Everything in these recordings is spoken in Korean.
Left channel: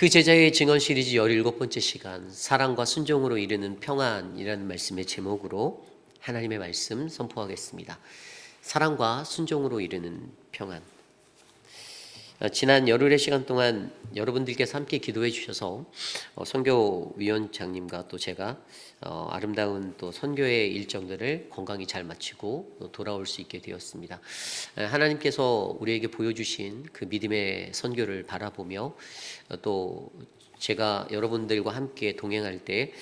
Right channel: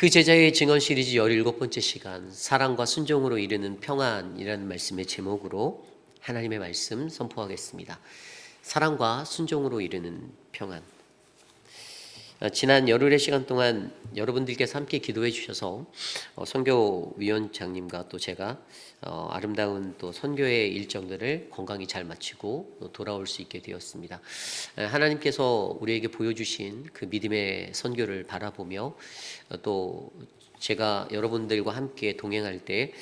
그 제자의 증언 시리즈 17번째 시간, 사랑과 순종으로 이루는 평안이라는 말씀의 제목으로 하나님의 말씀 선포하겠습니다. 사랑과 순종으로 이루는 평안. 지난 열흘의 시간 동안 여러분들께서 함께 기도해 주셔서 선교위원장님과 또 제가 아름다운 또 선교의 일정들을 건강히 잘 마치고 또 돌아올 수 있게 되었습니다. 하나님께서 우리에게 보여주신 그 믿음의 선교를 바라보며 또 제가 여러분들과 함께 동행할 때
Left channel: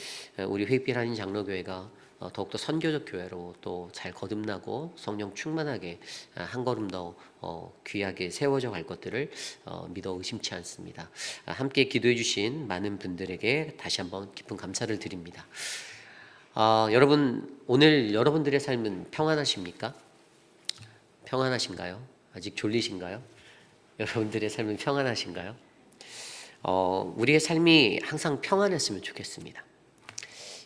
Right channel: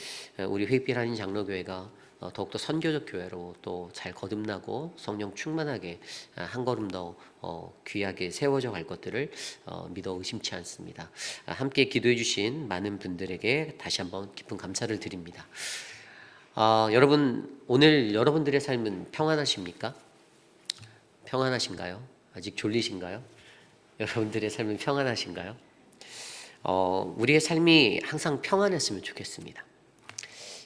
우리 회필하는 장로교회가 더욱더 선교적 교회로 또 잘 거듭나고 성령 충만하게 한 걸음 더 귀하게 세워져 갈 것들을 믿어 의심치 않습니다. 함께 기도해 주신 많은 분들에게 다시 한번 깊은 감사를 드립니다. 여러분, 오늘 여러분들의 삶은 평안하십니까? 평안하신가요? 아직 졸리신가요? 여러분들의 삶은 평안하신가요? 우리의 삶이 항상 평안했으면 좋겠습니다.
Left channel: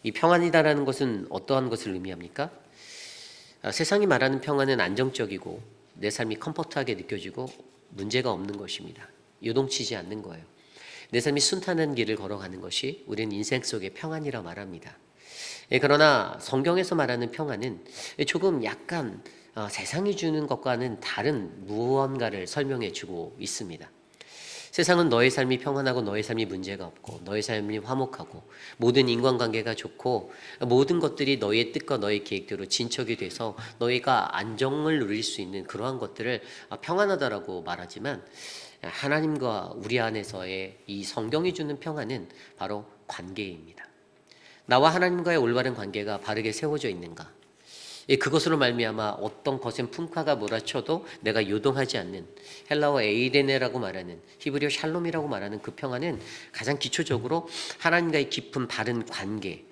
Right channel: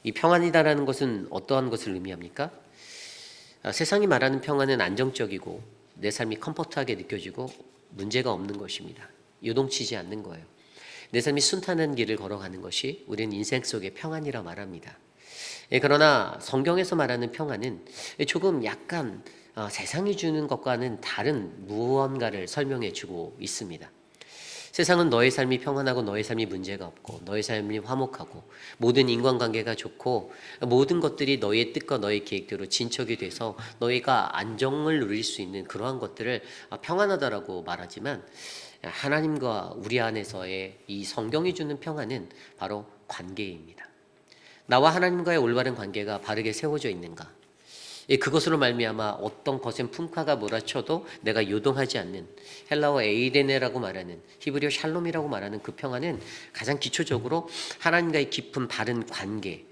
이 평안이다라는 것은 어떠한 것을 의미합니까? 세상이 말하는 평안은 안정적이고 내 삶이 컴포트하게 느껴지고 문제가 없는 것입니다. 요동치지 않는 거예요. 내 삶이 순탄한 길을 걸어가는 것이 우리는 인생 속의 평안이라 말합니다. 그러나 성경에서 말하는 평안은 조금 약간 세상이 주는 것과는 다른 무언가를 설명해 주고 있습니다. 세상은 너의 삶이 평안하고 너의 삶이 문제가 없고 너의 삶이 화목하고 모든 인간관계가 좋고 모든 것들이 너의 뜻과 너의 계획대로 진척이 돼서 너희가 안정을 누릴 수 있는 그러한 것들을 평안하다라고 말하지만 하나님과 우리 안에서의 이 성경이 주는 평안은 바로 관계입니다. 나와 하나님과의 올바른 관계가 바르게 세워져 있는가? 그것으로 말미암아 어떤 거센 풍파가 몰아쳐도 내가 요동하지 않는 헬라어 에이레네라고 말하는 히브리어 샬롬이라고 말하는 그 평안은 가장 기초적으로 하나님과의 깊은 바른 관계,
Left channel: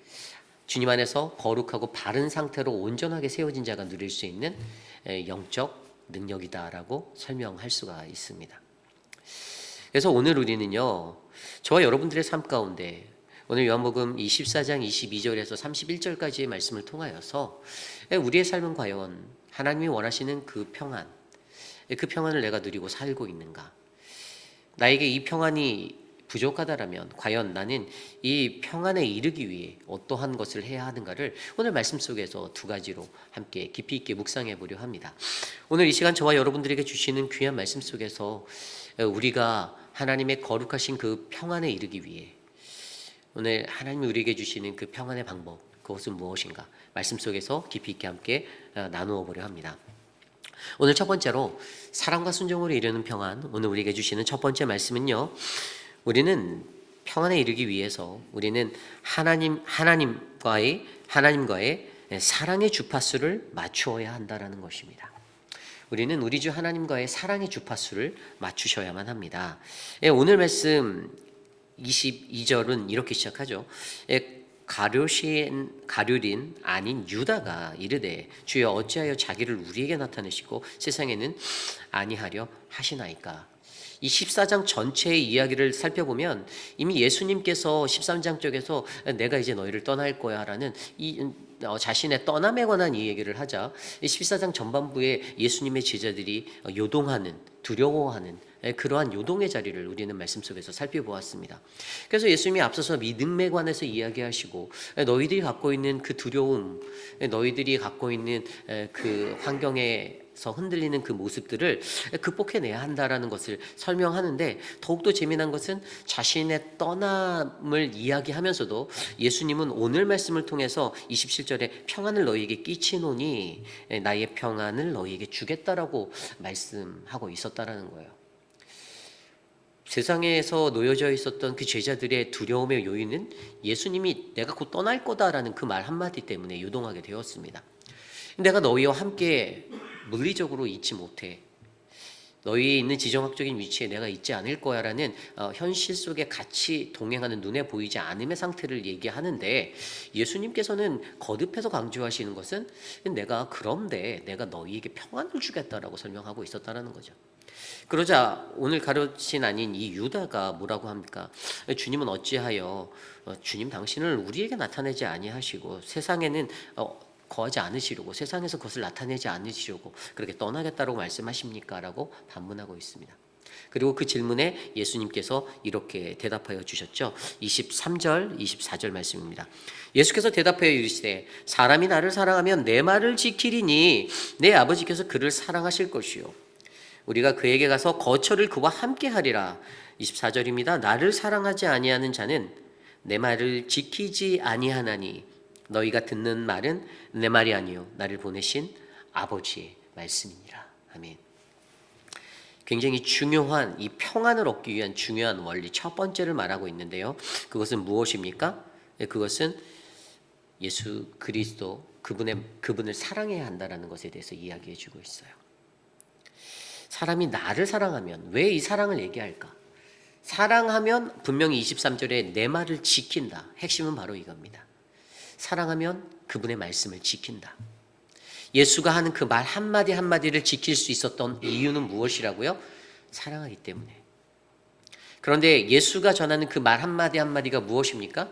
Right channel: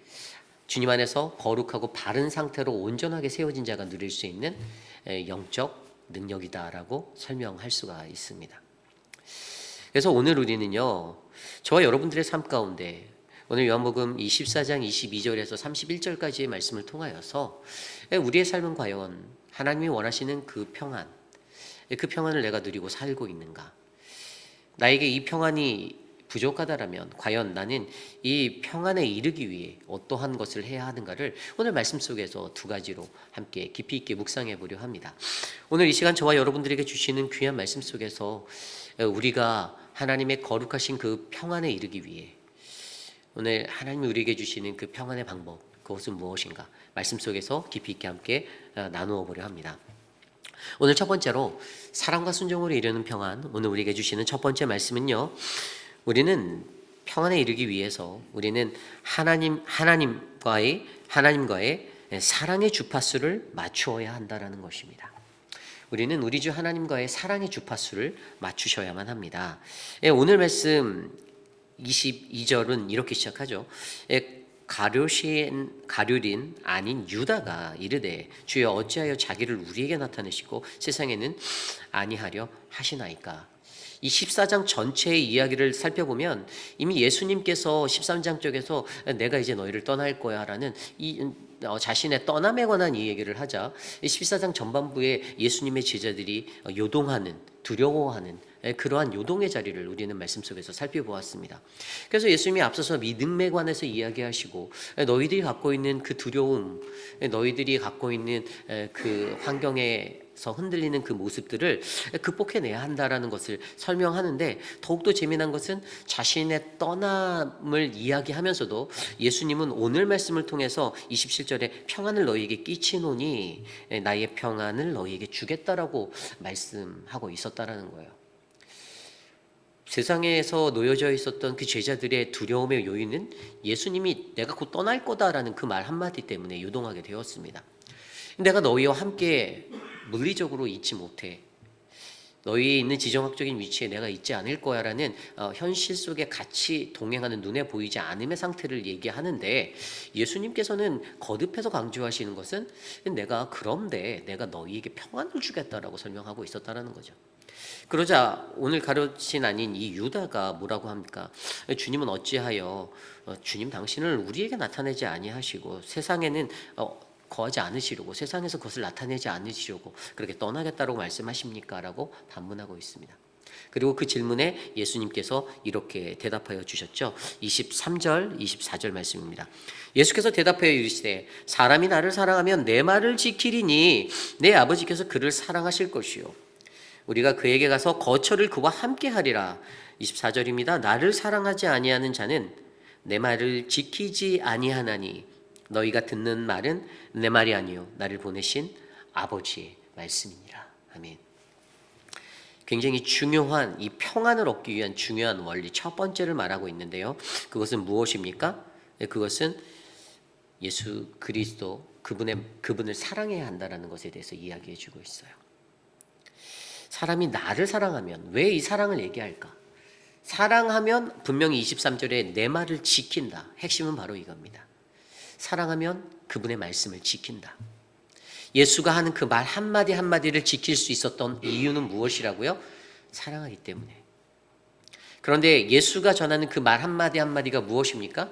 주님 안에서 거룩하고 바른 상태로 온전하게 세워진 자가 누릴 수 있는 영적 능력이다라고 설명할 수가 있습니다. 그래서 오늘 우리는요, 저와 여러분들의 삶 가운데 오늘 요한복음 24장 22절에서 31절까지의 말씀을 통하여서 우리의 삶은 과연 하나님이 원하시는 그 평안을 내가 누리고 살고 있는가? 나에게 이 평안이 부족하다라면 과연 나는 이 평안에 이르기 위해 어떠한 것을 해야 하는가를 오늘 말씀 속에서 두 가지로 함께 깊이 있게 묵상해 보려 합니다. 오늘 이 시간 저와 여러분들에게 주시는 귀한 말씀 속에서 우리가 하나님의 거룩하신 그 평안에 이르기 위해 오늘 하나님이 우리에게 주시는 그 평안의 방법, 그것은 무엇인가? 말씀 속에서 깊이 있게 함께 나누어 보려 합니다. 오늘 첫 번째로 사랑과 순종으로 이루는 평안, 오늘 우리에게 주시는 첫 번째 말씀은요, 우리는 평안에 이르기 위해서 우리는 하나님과의 사랑의 주파수를 맞추어야 한다라는 것입니다. 우리는 우리 주 하나님과의 사랑의 주파수를 맞추셔야만 합니다. 오늘 말씀 22절은 이렇게 시작하죠. 가룟인 아닌 유다가 이르되 주여 어찌하여 자기를 우리에게 나타내시고 세상에는 아니하려 하시나이까. 이 14장 전체의 이야기를 살펴보면 이미 예수님께서 13장 쪽에서 내가 이제 너희를 떠날 거야 라는 자신의 떠남에 관한 이 얘기를 하자 14장 전반부에 예수님의 제자들이 요동하는, 두려워하는 그러한 요동의 자리를 우리는 말씀 속에서 살펴보았습니다. 그래서 예수님이 앞서서 믿음에 관해서 이야기하시고 너희들이 갖고 있는 그 두려움, 너희들이 갖고 있는 그 환경에서 흔들리는 그 모습들을 극복해내야 한다라는 것을 설명하는데, 더욱더 재미난 것은 자신의 떠남을 이야기하면서도 예수님은 오늘 말씀을 통해서 27절에 평안을 너희에게 끼치노니 나의 평안을 너희에게 주겠다라고 말씀하고 있었다라는 거예요. 세상에서 놓여져 있었던 그 제자들의 두려움의 요인은 예수님이 내가 곧 떠날 거다라는 그 말 한마디 때문에 요동하게 되었습니다. 내가 너희와 함께 물리적으로 있지 못해. 너희 있는 지정학적인 위치에 내가 있지 않을 거야 라는 현실 속에 같이 동행하는 눈에 보이지 않음의 상태를 얘기하는데, 예수님께서는 거듭해서 강조하시는 것은 그런데 내가 너희에게 평안을 주겠다라고 설명하고 있었다는 거죠. 그러자 오늘 가룟인 아닌 이 유다가 뭐라고 합니까? 주님은 어찌하여 주님 당신을 우리에게 나타내지 아니하시고 세상에는 거하지 않으시려고, 세상에서 그것을 나타내지 않으시려고 그렇게 떠나겠다고 말씀하십니까? 라고 반문하고 있습니다. 그리고 그 질문에 예수님께서 이렇게 대답하여 주셨죠. 23절, 24절 말씀입니다. 예수께서 대답하여 이르시되 사람이 나를 사랑하면 내 말을 지키리니 내 아버지께서 그를 사랑하실 것이요 우리가 그에게 가서 거처를 그와 함께 하리라. 24절입니다. 나를 사랑하지 아니하는 자는 내 말을 지키지 아니하나니 너희가 듣는 말은 내 말이 아니요 나를 보내신 아버지의 말씀이니라. 아멘. 굉장히 중요한 이 평안을 얻기 위한 중요한 원리 첫 번째를 말하고 있는데요. 그것은 무엇입니까? 그것은 예수 그리스도 그분을 사랑해야 한다라는 것에 대해서 이야기해 주고 있어요. 사람이 나를 사랑하면 왜 이 사랑을 얘기할까? 사랑하면 분명히 23절에 내 말을 지킨다. 핵심은 바로 이겁니다. 사랑하면 그분의 말씀을 지킨다. 예수가 하는 그 말 한마디 한마디를 지킬 수 있었던 이유는 무엇이라고요? 사랑하기 때문에. 그런데 예수가 전하는 그 말 한마디 한마디가 무엇입니까?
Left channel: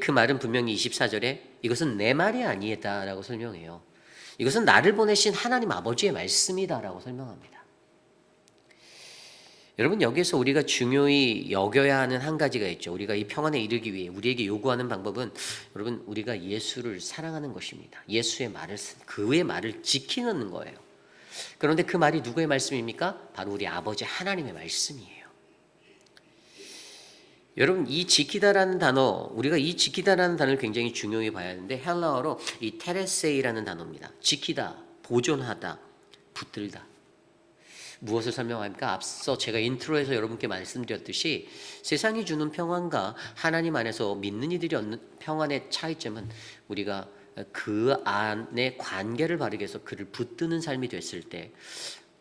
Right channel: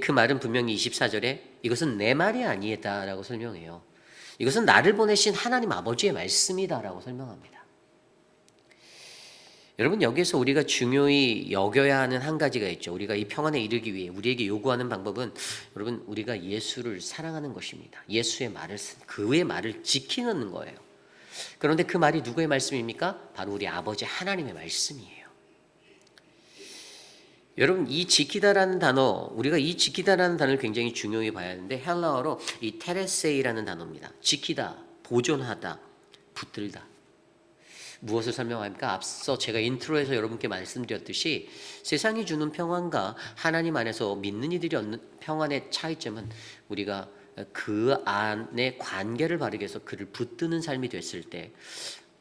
그 말은 분명히 24절에 이것은 내 말이 아니다라고 설명해요. 이것은 나를 보내신 하나님 아버지의 말씀이다라고 설명합니다. 여러분, 여기서 우리가 중요히 여겨야 하는 한 가지가 있죠. 우리가 이 평안에 이르기 위해 우리에게 요구하는 방법은 여러분 우리가 예수를 사랑하는 것입니다. 예수의 말을 그의 말을 지키는 거예요. 그런데 그 말이 누구의 말씀입니까? 바로 우리 아버지 하나님의 말씀이에요. 여러분, 이 지키다라는 단어, 우리가 이 지키다라는 단어를 굉장히 중요히 봐야 하는데 헬라어로 이 테레세이라는 단어입니다. 지키다, 보존하다, 붙들다. 무엇을 설명합니까? 앞서 제가 인트로에서 여러분께 말씀드렸듯이 세상이 주는 평안과 하나님 안에서 믿는 이들이 얻는 평안의 차이점은 우리가 그 안에 관계를 바르게 해서 그를 붙드는 삶이 됐을 때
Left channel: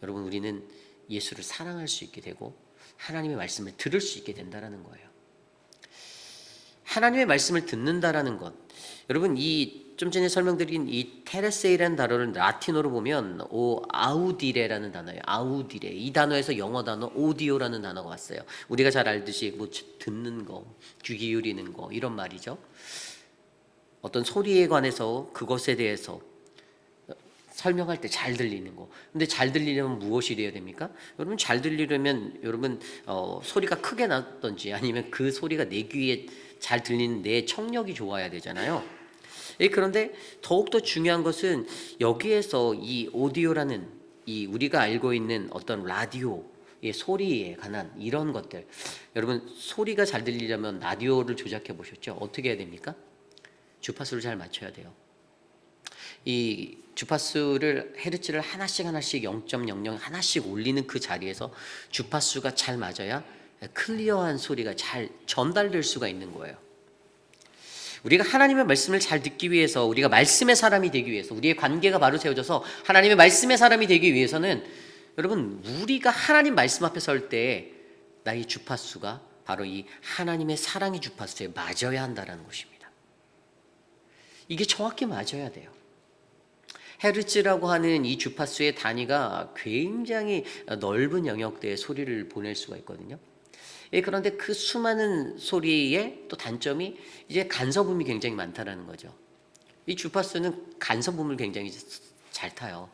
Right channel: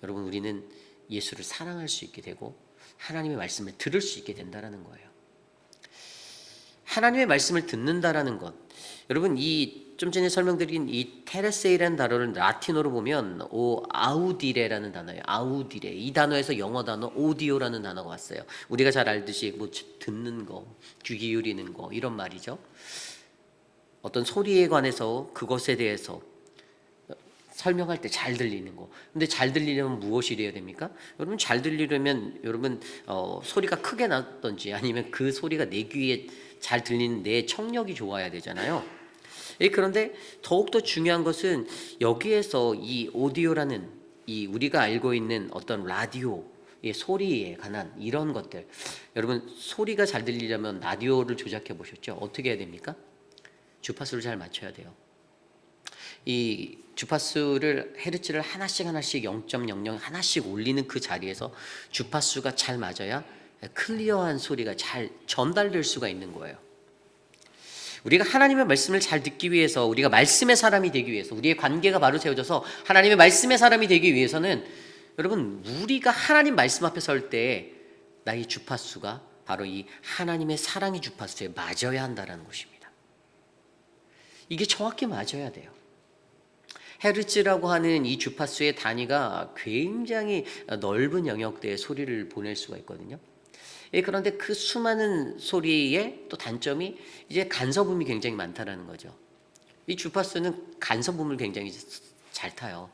여러분 우리는 예수를 사랑할 수 있게 되고 하나님의 말씀을 들을 수 있게 된다는 거예요. 하나님의 말씀을 듣는다라는 것, 여러분 이 좀 전에 설명드린 이 테레세이라는 단어를 라틴어로 보면 아우디레라는 단어예요. 아우디레. 이 단어에서 영어 단어 오디오라는 단어가 왔어요. 우리가 잘 알듯이 뭐 듣는 거, 귀 기울이는 거 이런 말이죠. 어떤 소리에 관해서 그것에 대해서 설명할 때 잘 들리는 거. 근데 잘 들리려면 무엇이 돼야 됩니까? 여러분 잘 들리려면 여러분 소리가 크게 나든지 아니면 그 소리가 내 귀에 잘 들리는 내 청력이 좋아야 되잖아요. 그런데 더욱더 중요한 것은 여기에서 이 오디오라는 이 우리가 알고 있는 어떤 라디오의 소리에 관한 이런 것들, 여러분 소리가 잘 들리려면 라디오를 조작해 보셨죠? 어떻게 해야 됩니까? 주파수를 잘 맞춰야 돼요. 이 주파수를 헤르츠를 하나씩 0.00 하나씩 올리는 그 자리에서 주파수가 잘 맞아야 클리어한 소리가 잘 전달될 수가 있는 거예요. 우리가 하나님의 말씀을 잘 듣기 위해서 우리가 말씀의 사람이 되기 위해서 우리의 관계가 바로 세워져서 하나님의 말씀의 사람이 되기 위해서는 여러분 우리가 하나님 말씀 앞에 설 때 나의 주파수가 바로 이 하나님의 사랑의 주파수에 맞아야 한다는 것입니다. 이게 정확히 맞아야 돼요. 헤르츠라고 하는 이 주파수의 단위가 굉장히 넓은 영역대의 소리를 보낼 수가 있거든요. 그런데 그 수많은 소리의 또 단점이 이제 간섭음이 굉장히 많다라는 거죠. 이 주파수는 간섭음을 굉장히 잘 타요.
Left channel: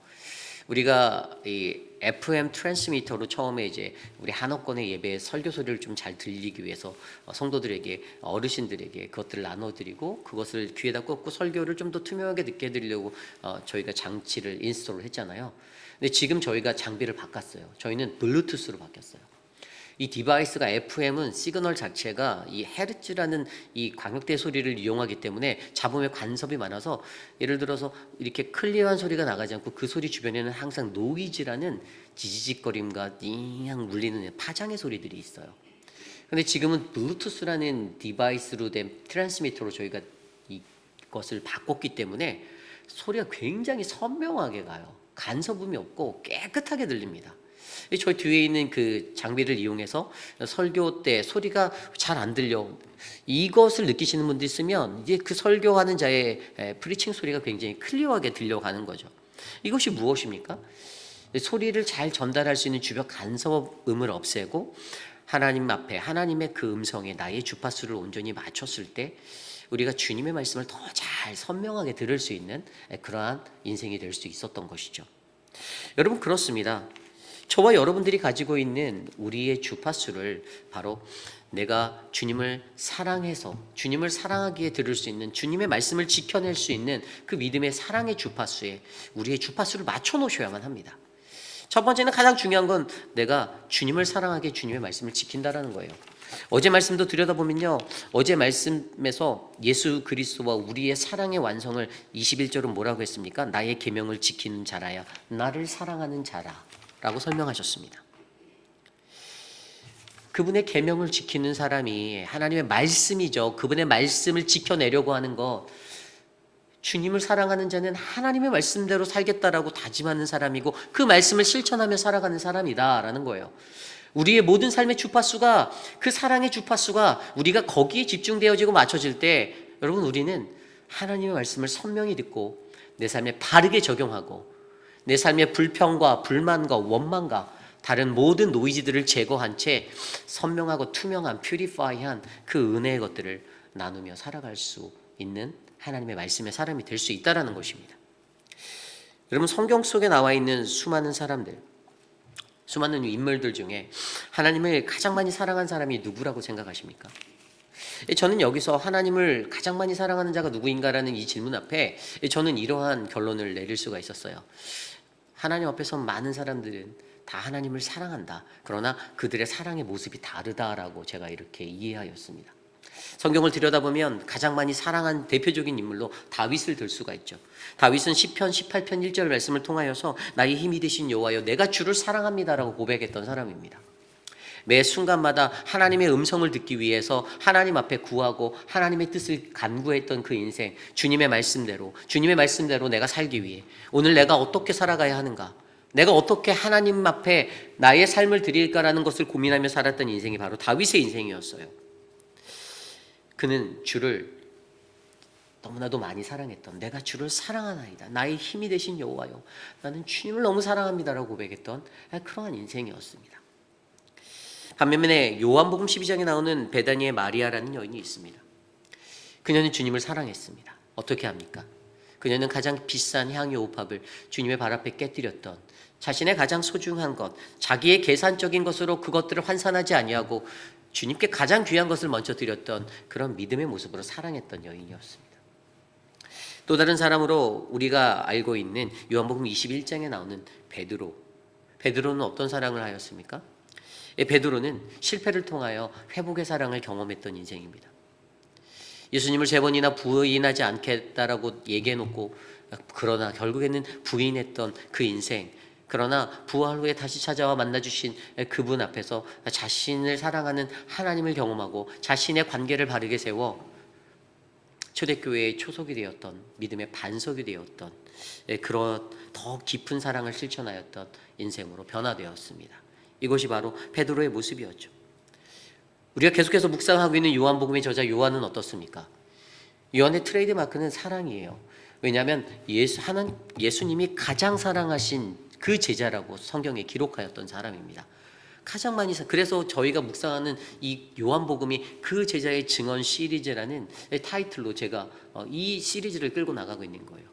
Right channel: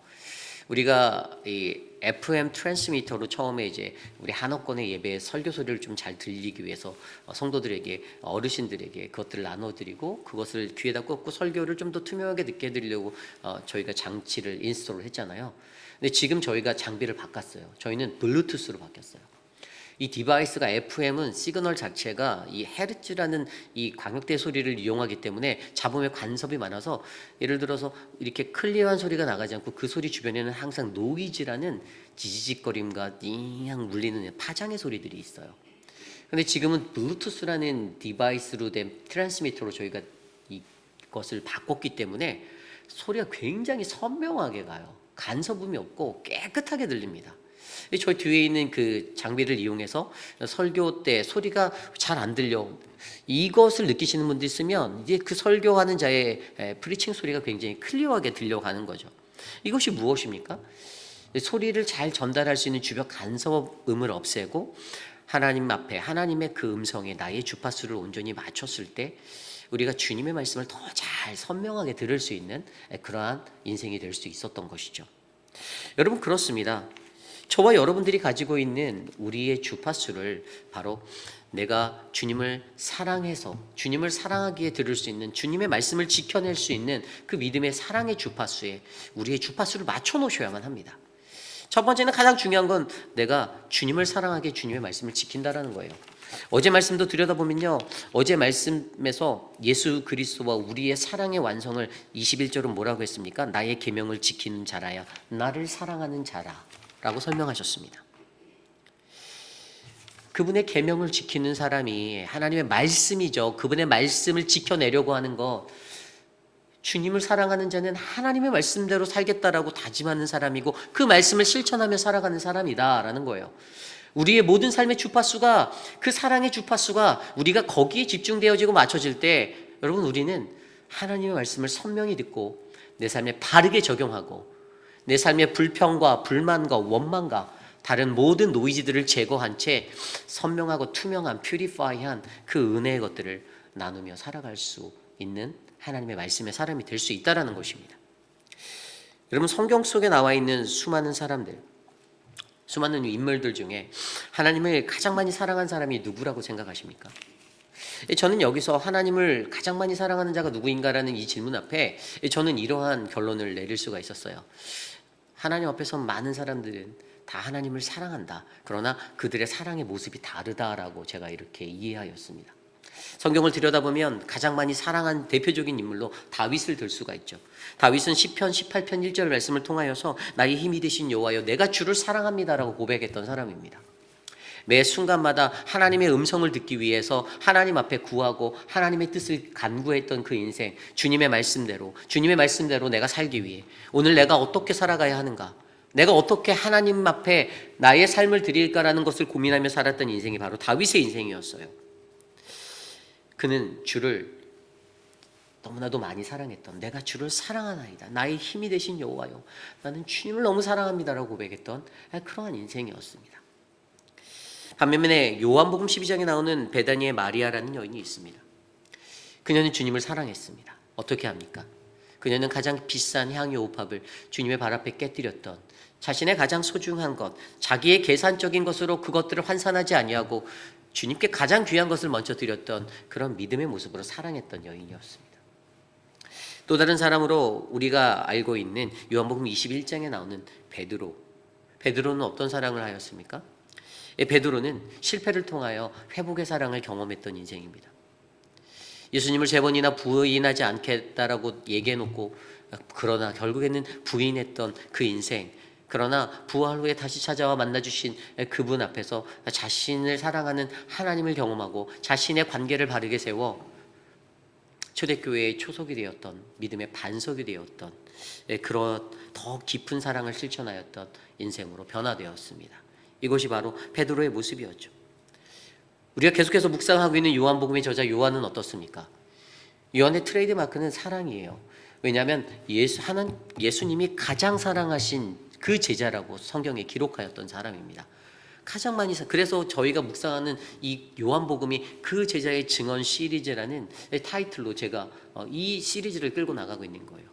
우리가 이 FM 트랜스미터로 처음에 이제 우리 한옥권의 예배 설교 소리를 좀 잘 들리기 위해서 성도들에게 어르신들에게 그것들을 나눠드리고 그것을 귀에다 꽂고 설교를 좀 더 투명하게 듣게 해드리려고 저희가 장치를 인스톨을 했잖아요. 근데 지금 저희가 장비를 바꿨어요. 저희는 블루투스로 바뀌었어요. 이 디바이스가 FM은 시그널 자체가 이 헤르츠라는 이 광역대 소리를 이용하기 때문에 잡음에 간섭이 많아서 예를 들어서 이렇게 클리어한 소리가 나가지 않고 그 소리 주변에는 항상 노이즈라는 지지직거림과 띵향 울리는 파장의 소리들이 있어요. 근데 지금은 블루투스라는 디바이스로 된 트랜스미터로 저희가 이것을 바꿨기 때문에 소리가 굉장히 선명하게 가요. 간섭음이 없고 깨끗하게 들립니다. 저희 뒤에 있는 그 장비를 이용해서 설교 때 소리가 잘 안 들려 이것을 느끼시는 분들 있으면 이제 그 설교하는 자의 프리칭 소리가 굉장히 클리어하게 들려가는 거죠. 이것이 무엇입니까? 소리를 잘 전달할 수 있는 주변 간섭음을 없애고 하나님 앞에 하나님의 그 음성에 나의 주파수를 온전히 맞췄을 때 우리가 주님의 말씀을 더 잘 선명하게 들을 수 있는 그러한 인생이 될 수 있었던 것이죠. 여러분 그렇습니다. 저와 여러분들이 가지고 있는 우리의 주파수를 바로 내가 주님을 사랑해서 주님을 사랑하기에 들을 수 있는 주님의 말씀을 지켜낼 수 있는 그 믿음의 사랑의 주파수에 우리의 주파수를 맞춰 놓으셔야만 합니다. 첫 번째는 가장 중요한 건 내가 주님을 사랑하기에 주님의 말씀을 지킨다라는 거예요. 어제 말씀도 들여다보면요, 어제 말씀에서 예수 그리스도와 우리의 사랑의 완성을 21절은 뭐라고 했습니까? 나의 계명을 지키는 자라야 나를 사랑하는 자라라고 설명하셨습니다. 그분의 계명을 지키는 사람이 하나님의 말씀이죠. 그분의 말씀을 지켜내려고 하는 것, 주님을 사랑하는 자는 하나님의 말씀대로 살겠다라고 다짐하는 사람이고 그 말씀을 실천하며 살아가는 사람이다라는 거예요. 우리의 모든 삶의 주파수가, 그 사랑의 주파수가 우리가 거기에 집중되어지고 맞춰질 때, 여러분, 우리는 하나님의 말씀을 선명히 듣고 내 삶에 바르게 적용하고 내 삶의 불평과 불만과 원망과 다른 모든 노이즈들을 제거한 채 선명하고 투명한, 퓨리파이한 그 은혜의 것들을 나누며 살아갈 수 있는 하나님의 말씀의 사람이 될 수 있다는 것입니다. 여러분, 성경 속에 나와 있는 수많은 사람들, 수많은 인물들 중에 하나님을 가장 많이 사랑한 사람이 누구라고 생각하십니까? 저는 여기서 하나님을 가장 많이 사랑하는 자가 누구인가라는 이 질문 앞에 저는 이러한 결론을 내릴 수가 있었어요. 하나님 앞에서 많은 사람들은 다 하나님을 사랑한다. 그러나 그들의 사랑의 모습이 다르다라고 제가 이렇게 이해하였습니다. 성경을 들여다보면 가장 많이 사랑한 대표적인 인물로 다윗을 들 수가 있죠. 다윗은 시편 18편 1절 말씀을 통하여서 나의 힘이 되신 여호와여 내가 주를 사랑합니다라고 고백했던 사람입니다. 매 순간마다 하나님의 음성을 듣기 위해서 하나님 앞에 구하고 하나님의 뜻을 간구했던 그 인생, 주님의 말씀대로 내가 살기 위해 오늘 내가 어떻게 살아가야 하는가, 내가 어떻게 하나님 앞에 나의 삶을 드릴까라는 것을 고민하며 살았던 인생이 바로 다윗의 인생이었어요. 그는 주를 너무나도 많이 사랑했던, 내가 주를 사랑하나이다, 나의 힘이 되신 여호와요, 나는 주님을 너무 사랑합니다라고 고백했던 그러한 인생이었습니다. 반면에 요한복음 12장에 나오는 베다니의 마리아라는 여인이 있습니다. 그녀는 주님을 사랑했습니다. 어떻게 합니까? 그녀는 가장 비싼 향유 옥합을 주님의 발 앞에 깨뜨렸던, 자신의 가장 소중한 것, 자기의 계산적인 것으로 그것들을 환산하지 아니하고 주님께 가장 귀한 것을 먼저 드렸던 그런 믿음의 모습으로 사랑했던 여인이었습니다. 또 다른 사람으로 우리가 알고 있는 요한복음 21장에 나오는 베드로. 베드로는 어떤 사랑을 하였습니까? 베드로는 실패를 통하여 회복의 사랑을 경험했던 인생입니다. 예수님을 3번이나 부인하지 않겠다라고 얘기해놓고 그러나 결국에는 부인했던 그 인생, 그러나 부활 후에 다시 찾아와 만나주신 그분 앞에서 자신을 사랑하는 하나님을 경험하고 자신의 관계를 바르게 세워 초대교회의 초석이 되었던, 믿음의 반석이 되었던 그런 더 깊은 사랑을 실천하였던 인생으로 변화되었습니다. 이것이 바로 베드로의 모습이었죠. 우리가 계속해서 묵상하고 있는 요한복음의 저자 요한은 어떻습니까? 요한의 트레이드 마크는 사랑이에요. 왜냐하면 예수님이 가장 사랑하신 그 제자라고 성경에 기록하였던 사람입니다. 가장 많이 그래서 저희가 묵상하는 이 요한복음이 그 제자의 증언 시리즈라는 타이틀로 제가 이 시리즈를 끌고 나가고 있는 거예요.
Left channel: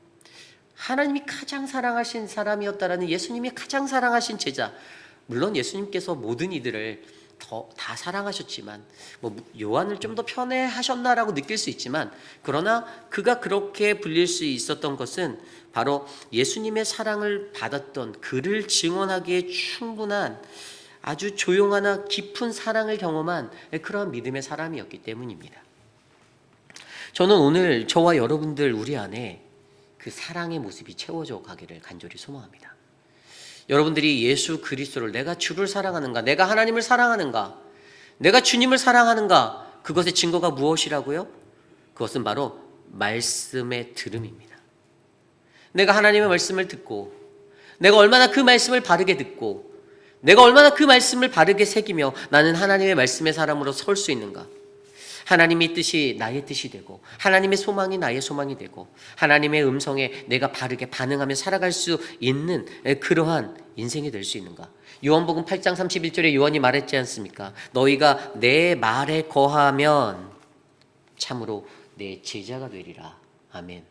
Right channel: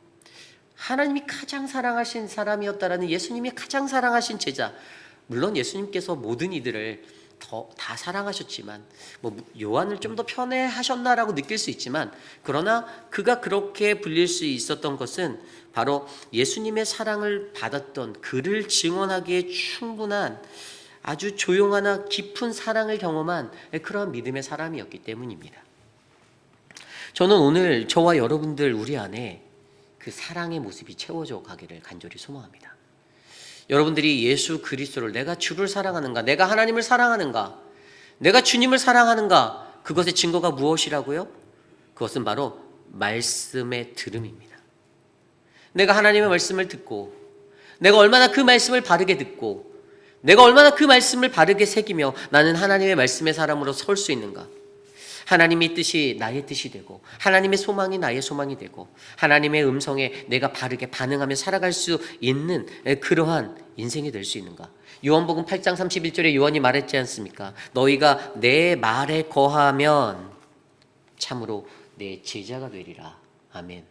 하나님이 가장 사랑하신 사람이었다라는 예수님이 가장 사랑하신 제자. 물론 예수님께서 모든 이들을 다 사랑하셨지만 요한을 좀 더 편애하셨나라고 느낄 수 있지만, 그러나 그가 그렇게 불릴 수 있었던 것은 바로 예수님의 사랑을 받았던, 그를 증언하기에 충분한 아주 조용하나 깊은 사랑을 경험한 그런 믿음의 사람이었기 때문입니다. 저는 오늘 저와 여러분들 우리 안에 그 사랑의 모습이 채워져 가기를 간절히 소망합니다. 여러분들이 예수 그리스도를, 내가 주를 사랑하는가, 내가 하나님을 사랑하는가, 내가 주님을 사랑하는가, 그것의 증거가 무엇이라고요? 그것은 바로 말씀의 들음입니다. 내가 하나님의 말씀을 듣고, 내가 얼마나 그 말씀을 바르게 듣고, 내가 얼마나 그 말씀을 바르게 새기며 나는 하나님의 말씀의 사람으로 설 수 있는가. 하나님의 뜻이 나의 뜻이 되고 하나님의 소망이 나의 소망이 되고 하나님의 음성에 내가 바르게 반응하며 살아갈 수 있는 그러한 인생이 될 수 있는가. 요한복음 8장 31절에 요한이 말했지 않습니까? 너희가 내 말에 거하면 참으로 내 제자가 되리라. 아멘.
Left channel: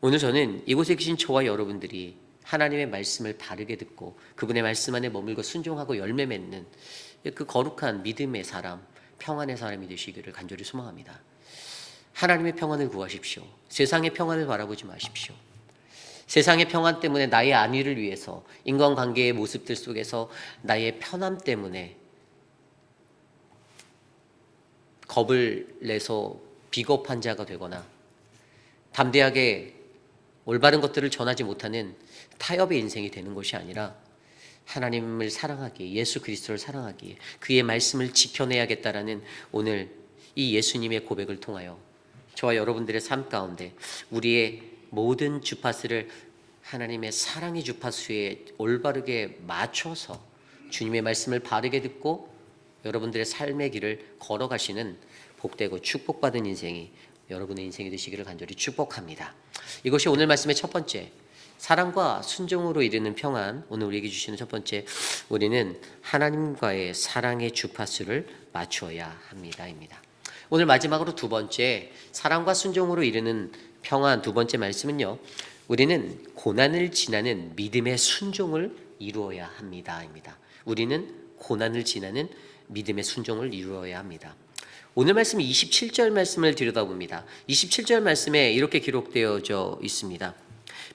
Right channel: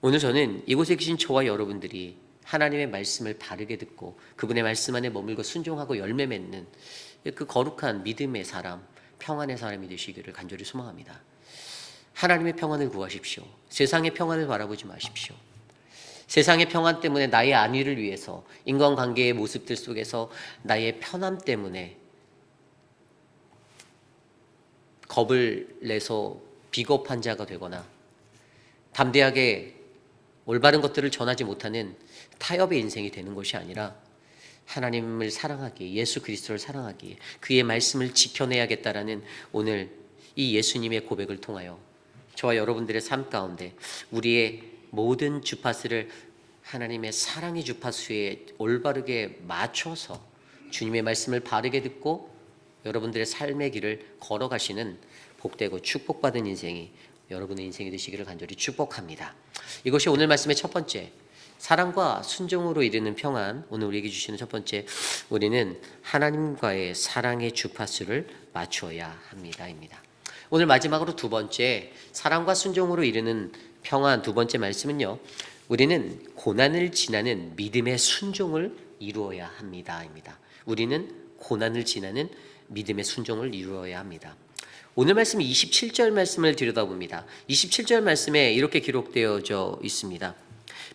오늘 저는 이곳에 계신 저와 여러분들이 하나님의 말씀을 바르게 듣고 그분의 말씀 안에 머물고 순종하고 열매 맺는 그 거룩한 믿음의 사람, 평안의 사람이 되시기를 간절히 소망합니다. 하나님의 평안을 구하십시오. 세상의 평안을 바라보지 마십시오. 세상의 평안 때문에 나의 안위를 위해서 인간관계의 모습들 속에서 나의 편함 때문에 겁을 내서 비겁한 자가 되거나 담대하게 올바른 것들을 전하지 못하는 타협의 인생이 되는 것이 아니라 하나님을 사랑하기에, 예수 그리스도를 사랑하기에 그의 말씀을 지켜내야겠다라는 오늘 이 예수님의 고백을 통하여 저와 여러분들의 삶 가운데 우리의 모든 주파수를 하나님의 사랑의 주파수에 올바르게 맞춰서 주님의 말씀을 바르게 듣고 여러분들의 삶의 길을 걸어가시는 복되고 축복받은 인생이 여러분의 인생이 되시기를 간절히 축복합니다. 이것이 오늘 말씀의 첫 번째, 사랑과 순종으로 이르는 평안. 오늘 우리에게 주시는 첫 번째, 우리는 하나님과의 사랑의 주파수를 맞추어야 합니다입니다. 오늘 마지막으로 두 번째, 사랑과 순종으로 이르는 평안 두 번째 말씀은요, 우리는 고난을 지나는 믿음의 순종을 이루어야 합니다입니다. 우리는 고난을 지나는 믿음의 순종을 이루어야 합니다. 오늘 말씀 27절 말씀을 들여다봅니다. 27절 말씀에 이렇게 기록되어져 있습니다.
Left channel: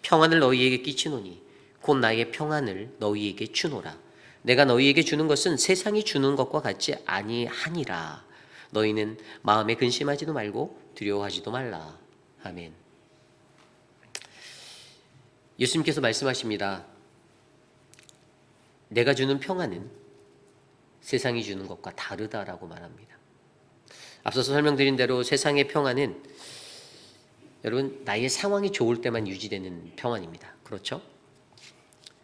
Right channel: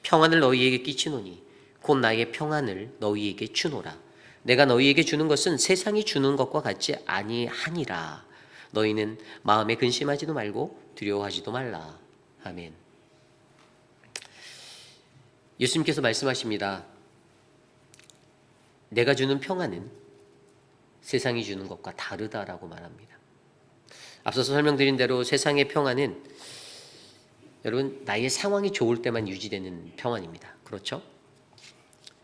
평안을 너희에게 끼치노니 곧 나의 평안을 너희에게 주노라. 내가 너희에게 주는 것은 세상이 주는 것과 같지 아니하니라. 너희는 마음에 근심하지도 말고 두려워하지도 말라. 아멘. 예수님께서 말씀하십니다. 내가 주는 평안은 세상이 주는 것과 다르다라고 말합니다. 앞서서 설명드린 대로 세상의 평안은 여러분 나의 상황이 좋을 때만 유지되는 평안입니다. 그렇죠?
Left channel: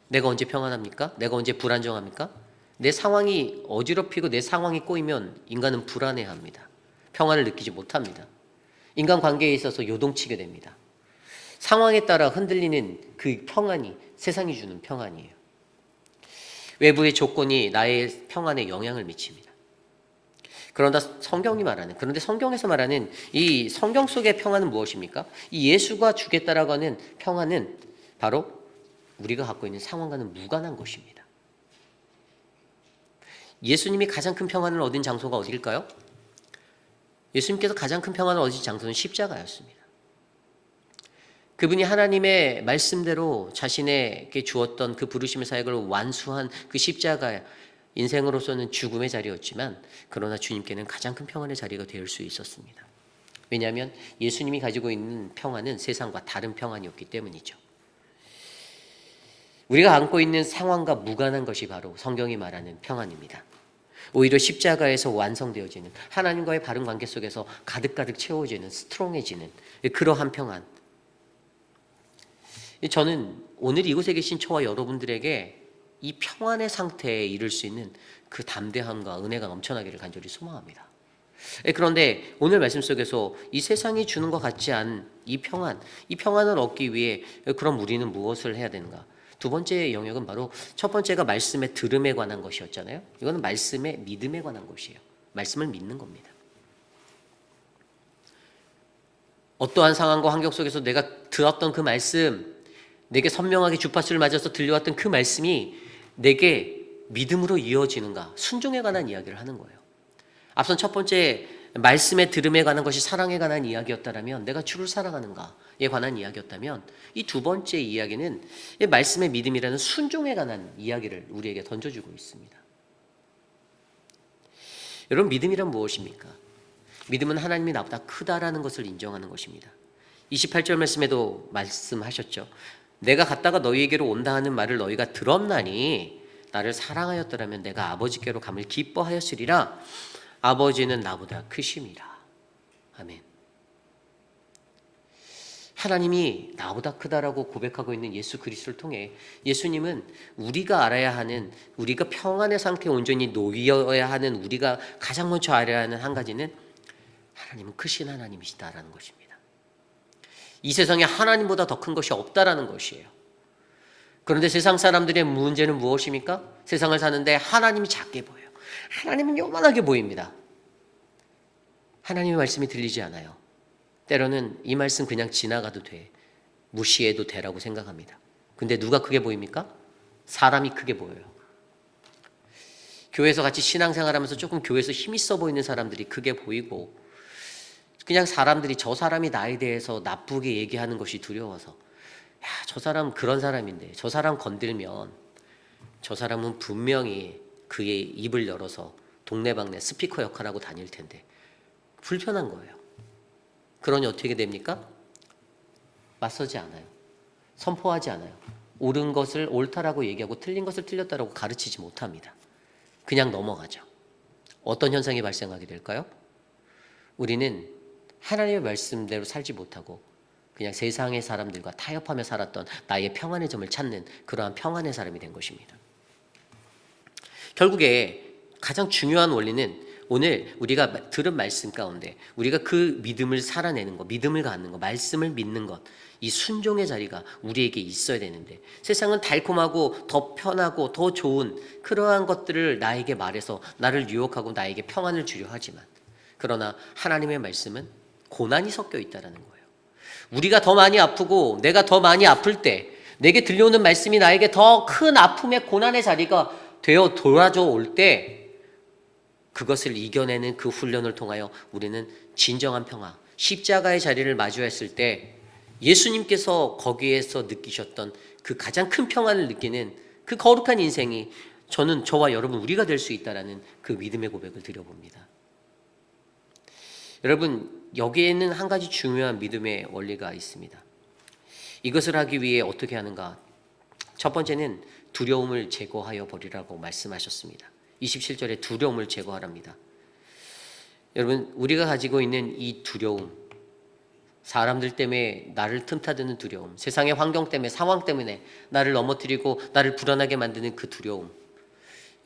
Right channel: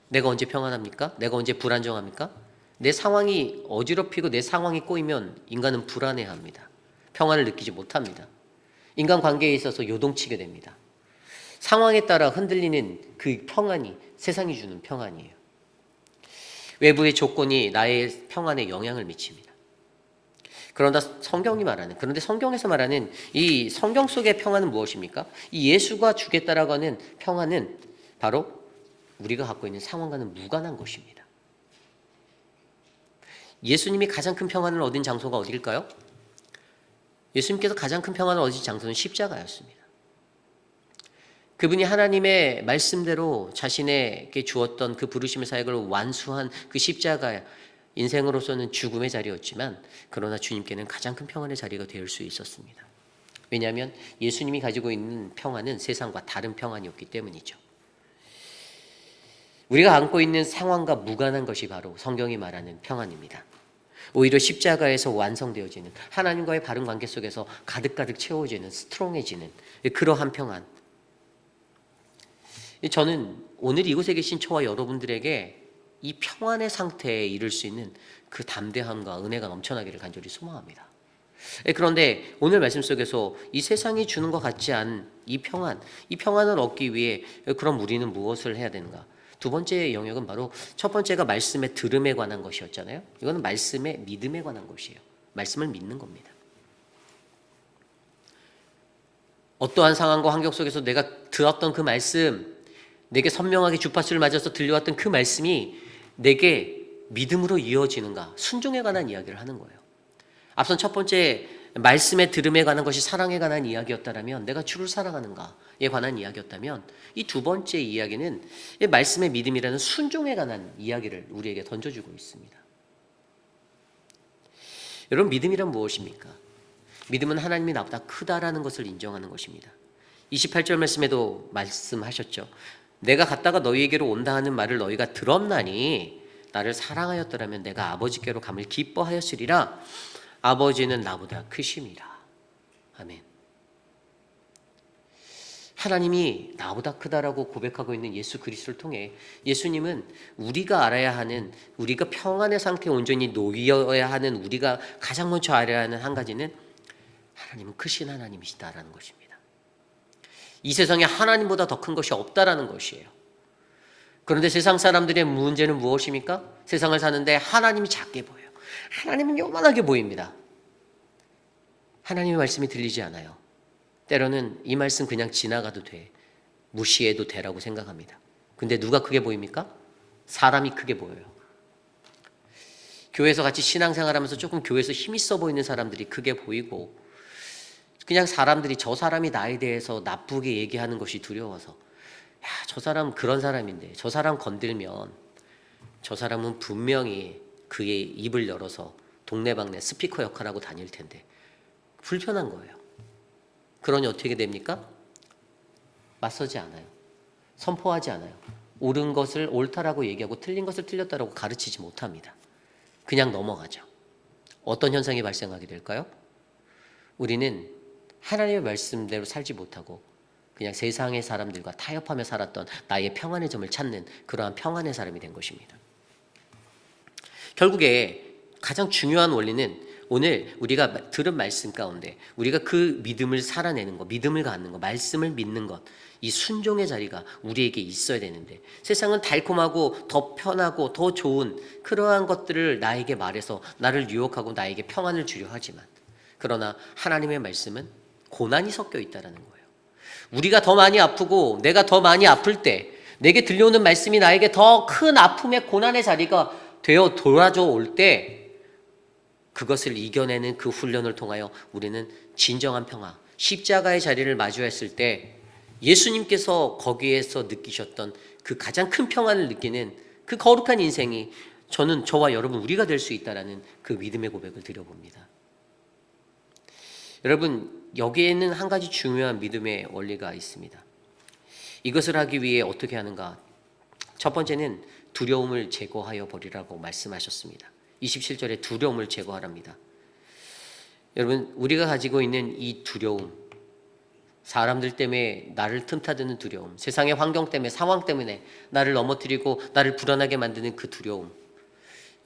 내가 언제 평안합니까? 내가 언제 불안정합니까? 내 상황이 어지럽히고 내 상황이 꼬이면 인간은 불안해합니다. 평안을 느끼지 못합니다. 인간관계에 있어서 요동치게 됩니다. 상황에 따라 흔들리는 그 평안이 세상이 주는 평안이에요. 외부의 조건이 나의 평안에 영향을 미칩니다. 그런데 성경에서 말하는 이 성경 속의 평안은 무엇입니까? 이 예수가 주겠다라고 하는 평안은 바로 우리가 갖고 있는 상황과는 무관한 것입니다. 예수님이 가장 큰 평안을 얻은 장소가 어디일까요? 예수님께서 가장 큰 평안을 얻은 장소는 십자가였습니다. 그분이 하나님의 말씀대로 자신에게 주었던 그 부르심의 사역을 완수한 그 십자가, 인생으로서는 죽음의 자리였지만 그러나 주님께는 가장 큰 평안의 자리가 될 수 있었습니다. 왜냐하면 예수님이 가지고 있는 평안은 세상과 다른 평안이었기 때문이죠. 우리가 안고 있는 상황과 무관한 것이 바로 성경이 말하는 평안입니다. 오히려 십자가에서 완성되어지는 하나님과의 바른 관계 속에서 가득가득 채워지는 스트롱해지는 그러한 평안. 저는 오늘 이곳에 계신 저와 여러분들에게 이 평안의 상태에 이를 수 있는 그 담대함과 은혜가 넘쳐나기를 간절히 소망합니다. 그런데 오늘 말씀 속에서 이 세상이 주는 것 같지 않은 이 평안을 얻기 위해 그럼 우리는 무엇을 해야 되는가? 두 번째 영역은 바로 첫 번째가 말씀의 들음에 관한 것이었잖아요. 이건 말씀의 믿음에 관한 것이에요. 말씀을 믿는 겁니다. 어떠한 상황과 환경 속에서 내가 들었던 그 말씀, 내게 선명하게 주파수를 맞아서 들려왔던 그 말씀이 내게 믿음으로 이어지는가? 순종에 관한 이야기를 하는 거예요. 앞선 첫 번째 말씀의 들음에 관한 것이 사랑에 관한 이야기였다면, 내가 주를 사랑하는가에 관한 이야기였다면, 이 두 번째 이야기는 말씀의 믿음이라는 순종에 관한 이야기를 우리에게 던져주고 있습니다. 여러분, 믿음이란 무엇입니까? 믿음은 하나님이 나보다 크다라는 것을 인정하는 것입니다. 28절 말씀에도 말씀하셨죠. 내가 갔다가 너희에게로 온다 하는 말을 너희가 들었나니 나를 사랑하였더라면 내가 아버지께로 감을 기뻐하였으리라. 아버지는 나보다 크심이라. 아멘. 하나님이 나보다 크다라고 고백하고 있는 예수 그리스도를 통해 예수님은 우리가 알아야 하는, 우리가 평안의 상태에 온전히 놓여야 하는, 우리가 가장 먼저 알아야 하는 한 가지는 하나님은 크신 하나님이시다라는 것입니다. 이 세상에 하나님보다 더 큰 것이 없다라는 것이에요. 그런데 세상 사람들의 문제는 무엇입니까? 세상을 사는데 하나님이 작게 보여요. 하나님은 요만하게 보입니다. 하나님의 말씀이 들리지 않아요. 때로는 이 말씀 그냥 지나가도 돼, 무시해도 되라고 생각합니다. 근데 누가 크게 보입니까? 사람이 크게 보여요. 교회에서 같이 신앙생활하면서 조금 교회에서 힘 있어 보이는 사람들이 크게 보이고, 그냥 사람들이 저 사람이 나에 대해서 나쁘게 얘기하는 것이 두려워서, 야, 저 사람 그런 사람인데 저 사람 건들면 저 사람은 분명히 그의 입을 열어서 동네방네 스피커 역할하고 다닐 텐데 불편한 거예요. 그러니 어떻게 됩니까? 맞서지 않아요. 선포하지 않아요. 옳은 것을 옳다라고 얘기하고 틀린 것을 틀렸다라고 가르치지 못합니다. 그냥 넘어가죠. 어떤 현상이 발생하게 될까요? 우리는 하나님의 말씀대로 살지 못하고 그냥 세상의 사람들과 타협하며 살았던 나의 평안의 점을 찾는 그러한 평안의 사람이 된 것입니다. 결국에 가장 중요한 원리는 오늘 우리가 들은 말씀 가운데 우리가 그 믿음을 살아내는 것, 믿음을 갖는 것, 말씀을 믿는 것, 이 순종의 자리가 우리에게 있어야 되는데, 세상은 달콤하고 더 편하고 더 좋은 그러한 것들을 나에게 말해서 나를 유혹하고 나에게 평안을 주려 하지만, 그러나 하나님의 말씀은 고난이 섞여 있다는 거예요. 우리가 더 많이 아프고 내가 더 많이 아플 때 내게 들려오는 말씀이 나에게 더 큰 아픔의 고난의 자리가 되어 돌아져 올 때, 그것을 이겨내는 그 훈련을 통하여 우리는 진정한 평화, 십자가의 자리를 마주했을 때 예수님께서 거기에서 느끼셨던 그 가장 큰 평안을 느끼는 그 거룩한 인생이 저와 여러분 우리가 될 수 있다라는 그 믿음의 고백을 드려봅니다. 여러분, 여기에는 한 가지 중요한 믿음의 원리가 있습니다. 이것을 하기 위해 어떻게 하는가? 첫 번째는 두려움을 제거하여 버리라고 말씀하셨습니다. 27절에 두려움을 제거하랍니다. 여러분, 우리가 가지고 있는 이 두려움, 사람들 때문에 나를 틈타드는 두려움, 세상의 환경 때문에, 상황 때문에 나를 넘어뜨리고 나를 불안하게 만드는 그 두려움,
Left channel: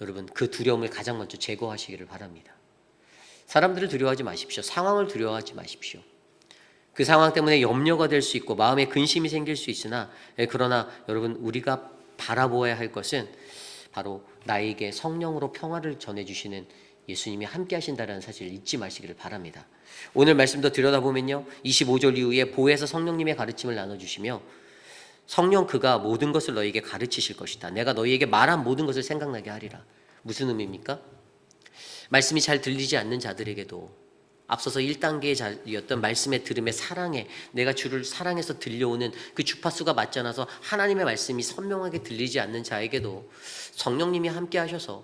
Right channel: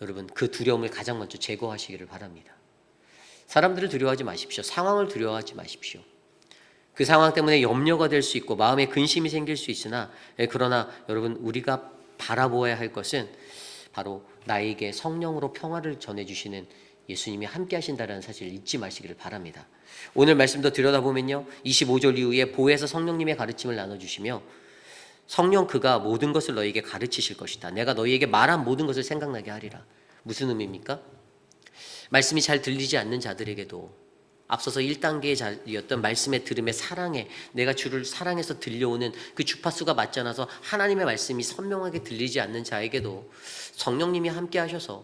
여러분, 그 두려움을 가장 먼저 제거하시기를 바랍니다. 사람들을 두려워하지 마십시오. 상황을 두려워하지 마십시오. 그 상황 때문에 염려가 될 수 있고 마음에 근심이 생길 수 있으나, 그러나 여러분, 우리가 바라보아야 할 것은 바로 나에게 성령으로 평화를 전해주시는 예수님이 함께 하신다는 사실을 잊지 마시기를 바랍니다. 오늘 말씀도 들여다보면요, 25절 이후에 보혜사 성령님의 가르침을 나눠주시며, 성령 그가 모든 것을 너희에게 가르치실 것이다. 내가 너희에게 말한 모든 것을 생각나게 하리라. 무슨 의미입니까? 말씀이 잘 들리지 않는 자들에게도 앞서서 1단계였던 말씀의 들음의 사랑에, 내가 주를 사랑해서 들려오는 그 주파수가 맞지 않아서 하나님의 말씀이 선명하게 들리지 않는 자에게도 성령님이 함께 하셔서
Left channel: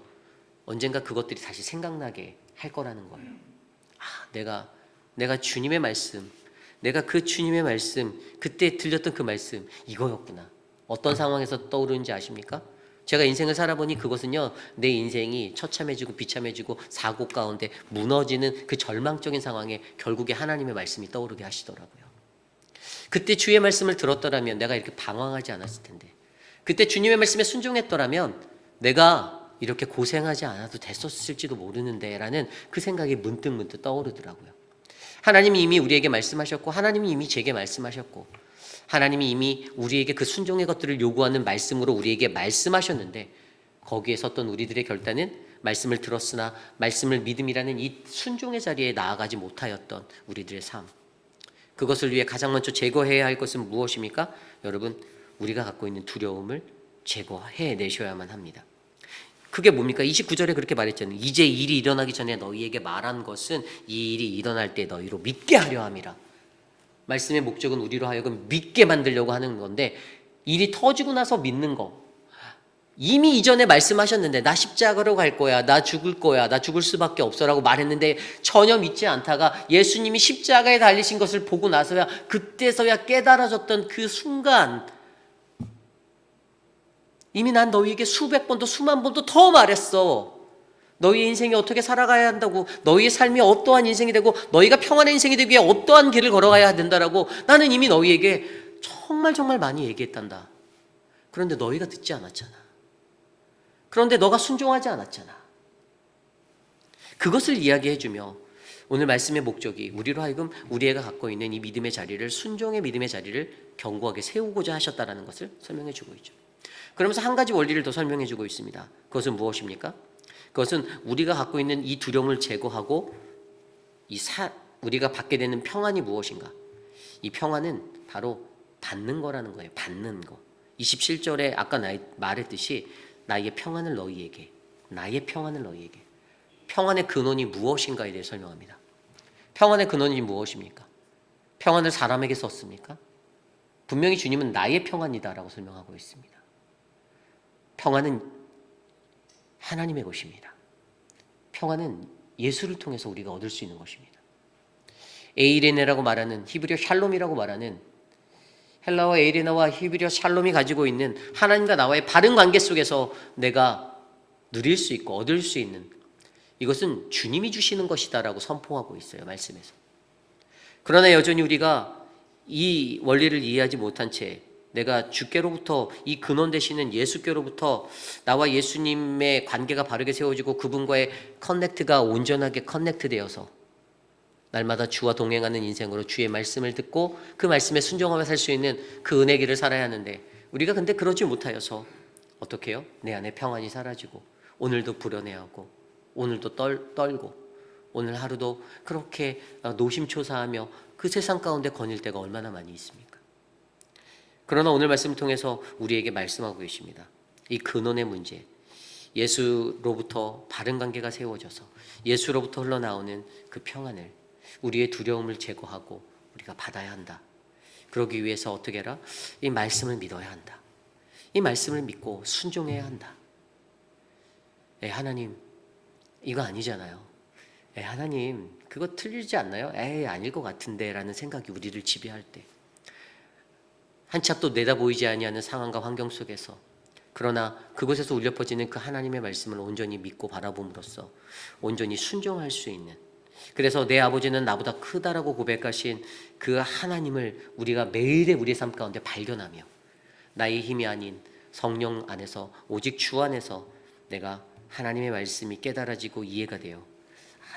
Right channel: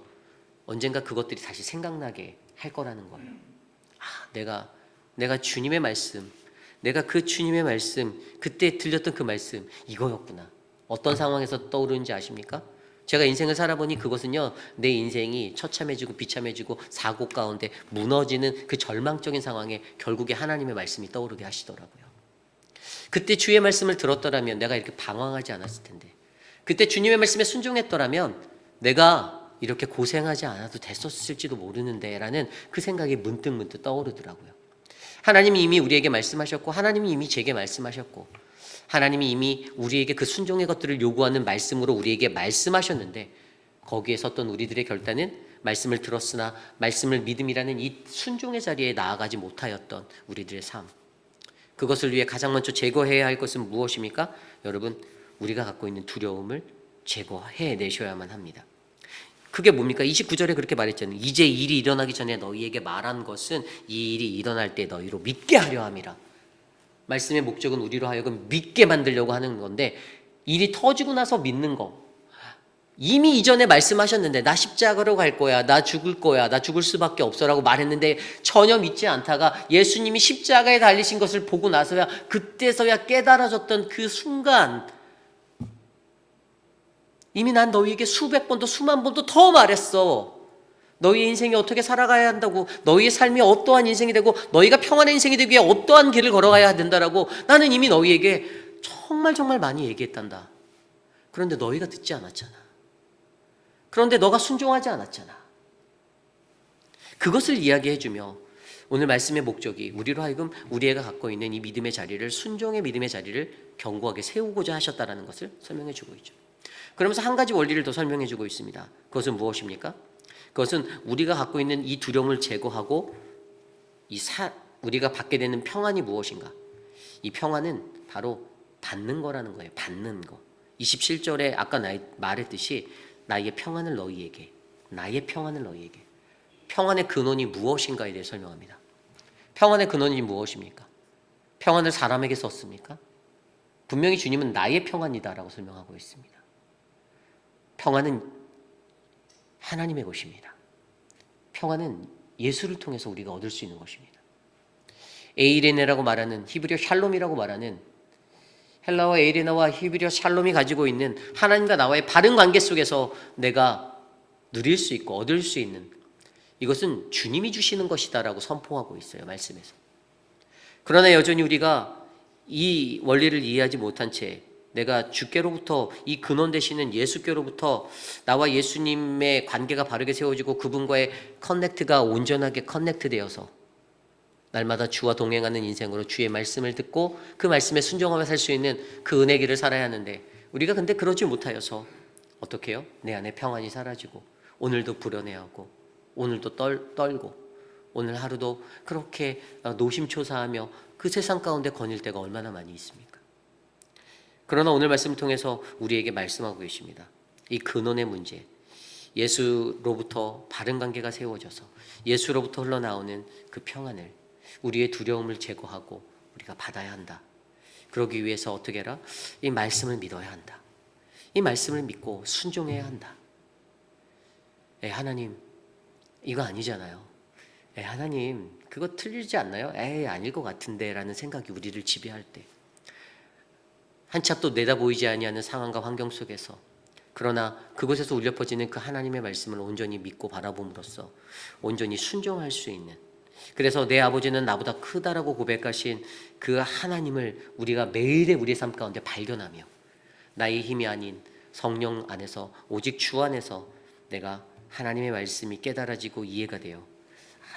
언젠가 그것들이 다시 생각나게 할 거라는 거예요. 내가 주님의 말씀, 내가 그 주님의 말씀, 그때 들렸던 그 말씀, 이거였구나. 어떤 상황에서 떠오르는지 아십니까? 제가 인생을 살아보니 그것은요, 내 인생이 처참해지고 비참해지고 사고 가운데 무너지는 그 절망적인 상황에 결국에 하나님의 말씀이 떠오르게 하시더라고요. 그때 주의 말씀을 들었더라면 내가 이렇게 방황하지 않았을 텐데, 그때 주님의 말씀에 순종했더라면 내가 이렇게 고생하지 않아도 됐었을지도 모르는데 라는 그 생각이 문득 떠오르더라고요. 하나님이 이미 우리에게 말씀하셨고, 하나님이 이미 제게 말씀하셨고, 하나님이 이미 우리에게 그 순종의 것들을 요구하는 말씀으로 우리에게 말씀하셨는데, 거기에 섰던 우리들의 결단은 말씀을 들었으나 말씀을 믿음이라는 이 순종의 자리에 나아가지 못하였던 우리들의 삶, 그것을 위해 가장 먼저 제거해야 할 것은 무엇입니까? 여러분, 우리가 갖고 있는 두려움을 제거해내셔야만 합니다. 그게 뭡니까? 29절에 그렇게 말했잖아요. 이제 일이 일어나기 전에 너희에게 말한 것은 이 일이 일어날 때 너희로 믿게 하려 함이라. 말씀의 목적은 우리로 하여금 믿게 만들려고 하는 건데, 일이 터지고 나서 믿는 거, 이미 이전에 말씀하셨는데 나 십자가로 갈 거야, 나 죽을 거야, 나 죽을 수밖에 없어라고 말했는데 전혀 믿지 않다가 예수님이 십자가에 달리신 것을 보고 나서야, 그때서야 깨달아졌던 그 순간, 이미 난 너희에게 수백 번도 수만 번도 더 말했어. 너희 인생이 어떻게 살아가야 한다고, 너희의 삶이 어떠한 인생이 되고 너희가 평안한 인생이 되기 위해 어떠한 길을 걸어가야 된다라고 나는 이미 너희에게 정말 많이 얘기했단다. 그런데 너희가 듣지 않았잖아. 그런데 너가 순종하지 않았잖아. 그것을 이야기해주며 오늘 말씀의 목적이 우리로 하여금 우리가 갖고 있는 이 믿음의 자리를, 순종의 믿음의 자리를 견고하게 세우고자 하셨다는 것을 설명해주고 있죠. 그러면서 한 가지 원리를 더 설명해주고 있습니다. 그것은 무엇입니까? 그것은 우리가 갖고 있는 이 두려움을 제거하고 우리가 받게 되는 평안이 무엇인가? 이 평안은 바로 받는 거라는 거예요. 받는 거. 27절에 아까 말했듯이 나의 평안을 너희에게, 나의 평안을 너희에게. 평안의 근원이 무엇인가에 대해 설명합니다. 평안의 근원이 무엇입니까? 평안을 사람에게 썼습니까? 분명히 주님은 나의 평안이다라고 설명하고 있습니다. 평안은 하나님의 것입니다. 평안은 예수를 통해서 우리가 얻을 수 있는 것입니다. 에이레네라고 말하는 히브리어 샬롬이라고 말하는 헬라어 에이레나와 히브리어 샬롬이 가지고 있는 하나님과 나와의 바른 관계 속에서 내가 누릴 수 있고 얻을 수 있는, 이것은 주님이 주시는 것이다라고 선포하고 있어요, 말씀에서. 그러나 여전히 우리가 이 원리를 이해하지 못한 채 내가 주께로부터, 이 근원 되시는 예수께로부터 나와 예수님의 관계가 바르게 세워지고 그분과의 커넥트가 온전하게 커넥트되어서 날마다 주와 동행하는 인생으로 주의 말씀을 듣고 그 말씀에 순종하며 살 수 있는 그 은혜 길을 살아야 하는데, 우리가 근데 그러지 못하여서 어떻게 해요? 내 안에 평안이 사라지고 오늘도 불안해하고 오늘도 떨고 오늘 하루도 그렇게 노심초사하며 그 세상 가운데 거닐 때가 얼마나 많이 있습니까? 그러나 오늘 말씀을 통해서 우리에게 말씀하고 계십니다. 이 근원의 문제, 예수로부터 바른 관계가 세워져서 예수로부터 흘러나오는 그 평안을, 우리의 두려움을 제거하고 우리가 받아야 한다. 그러기 위해서 어떻게 해라? 이 말씀을 믿어야 한다. 이 말씀을 믿고 순종해야 한다. 하나님, 이거 아니잖아요. 하나님, 그거 틀리지 않나요? 아닐 것 같은데 라는 생각이 우리를 지배할 때, 한참 또 내다 보이지 아니하는 상황과 환경 속에서, 그러나 그곳에서 울려 퍼지는 그 하나님의 말씀을 온전히 믿고 바라봄으로써 온전히 순종할 수 있는, 그래서 내 아버지는 나보다 크다라고 고백하신 그 하나님을 우리가 매일의 우리의 삶 가운데 발견하며 나의 힘이 아닌 성령 안에서, 오직 주 안에서 내가 하나님의 말씀이 깨달아지고 이해가 되어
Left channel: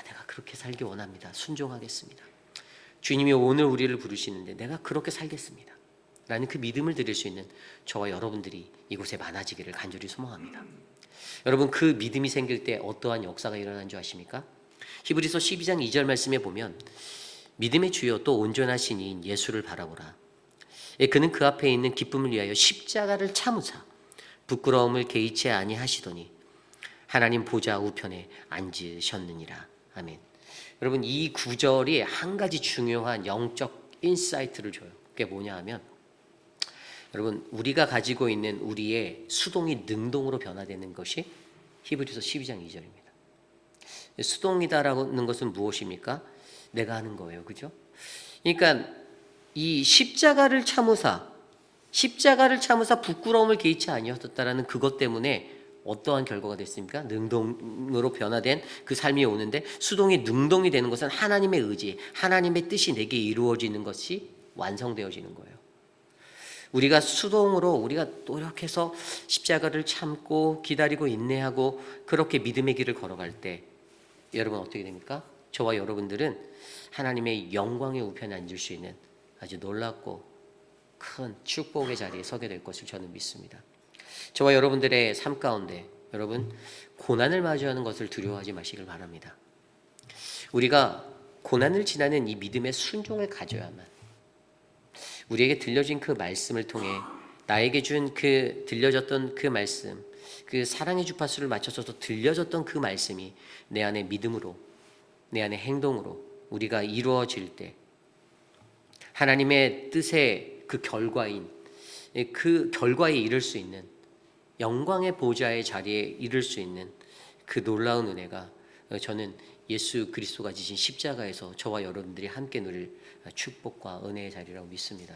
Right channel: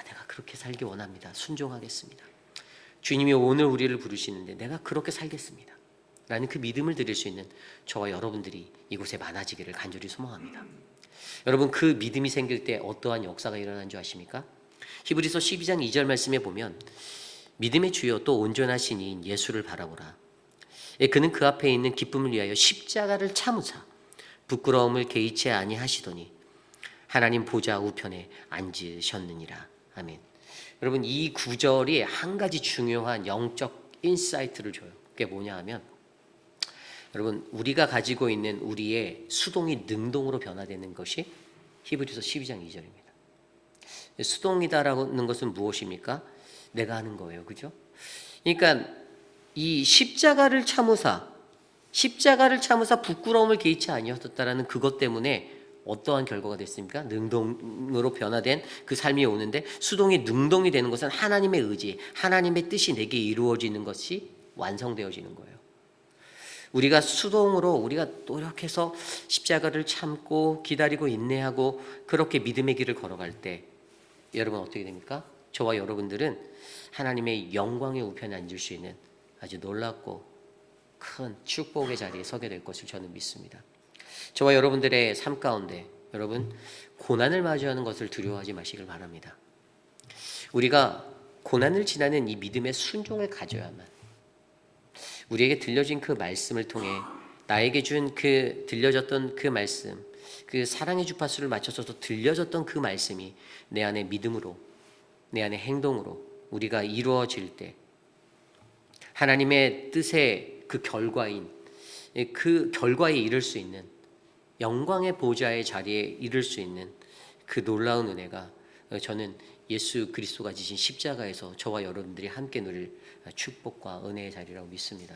내가 그렇게 살기 원합니다. 순종하겠습니다. 주님이 오늘 우리를 부르시는데 내가 그렇게 살겠습니다. 라는 그 믿음을 드릴 수 있는 저와 여러분들이 이곳에 많아지기를 간절히 소망합니다. 여러분, 그 믿음이 생길 때 어떠한 역사가 일어나는 줄 아십니까? 히브리서 12장 2절 말씀에 보면 믿음의 주요 또 온전하신 이인 예수를 바라보라. 그는 그 앞에 있는 기쁨을 위하여 십자가를 참으사 부끄러움을 개의치 아니하시더니 하나님 보좌 우편에 앉으셨느니라. 아멘. 여러분, 이 구절이 한 가지 중요한 영적 인사이트를 줘요. 그게 뭐냐 하면, 여러분, 우리가 가지고 있는 우리의 수동이 능동으로 변화되는 것이 히브리서 12장 2절입니다. 수동이다라는 것은 무엇입니까? 내가 하는 거예요. 그죠? 그러니까 이 십자가를 참으사 부끄러움을 개의치 아니하셨다라는 그것 때문에 어떠한 결과가 됐습니까? 능동으로 변화된 그 삶이 오는데, 수동이 능동이 되는 것은 하나님의 의지, 하나님의 뜻이 내게 이루어지는 것이 완성되어지는 거예요. 우리가 수동으로 우리가 노력해서 십자가를 참고 기다리고 인내하고 그렇게 믿음의 길을 걸어갈 때 여러분 어떻게 됩니까? 저와 여러분들은 하나님의 영광의 우편에 앉을 수 있는 아주 놀랍고 큰 축복의 자리에 서게 될 것을 저는 믿습니다. 저와 여러분들의 삶 가운데 여러분 고난을 마주하는 것을 두려워하지 마시길 바랍니다. 우리가 고난을 지나는 이 믿음의 순종을 가져야만, 우리에게 들려진 그 말씀을 통해 나에게 준 그 들려졌던 그 말씀, 그 사랑의 주파수를 맞춰서 들려졌던 그 말씀이 내 안에 믿음으로, 내 안에 행동으로 우리가 이루어질 때 하나님의 뜻의 그 결과인, 그 결과에 이를 수 있는, 영광의 보좌의 자리에 이를 수 있는 그 놀라운 은혜가 저는 예수 그리스도가 지신 십자가에서 저와 여러분들이 함께 누릴 축복과 은혜의 자리라고 믿습니다.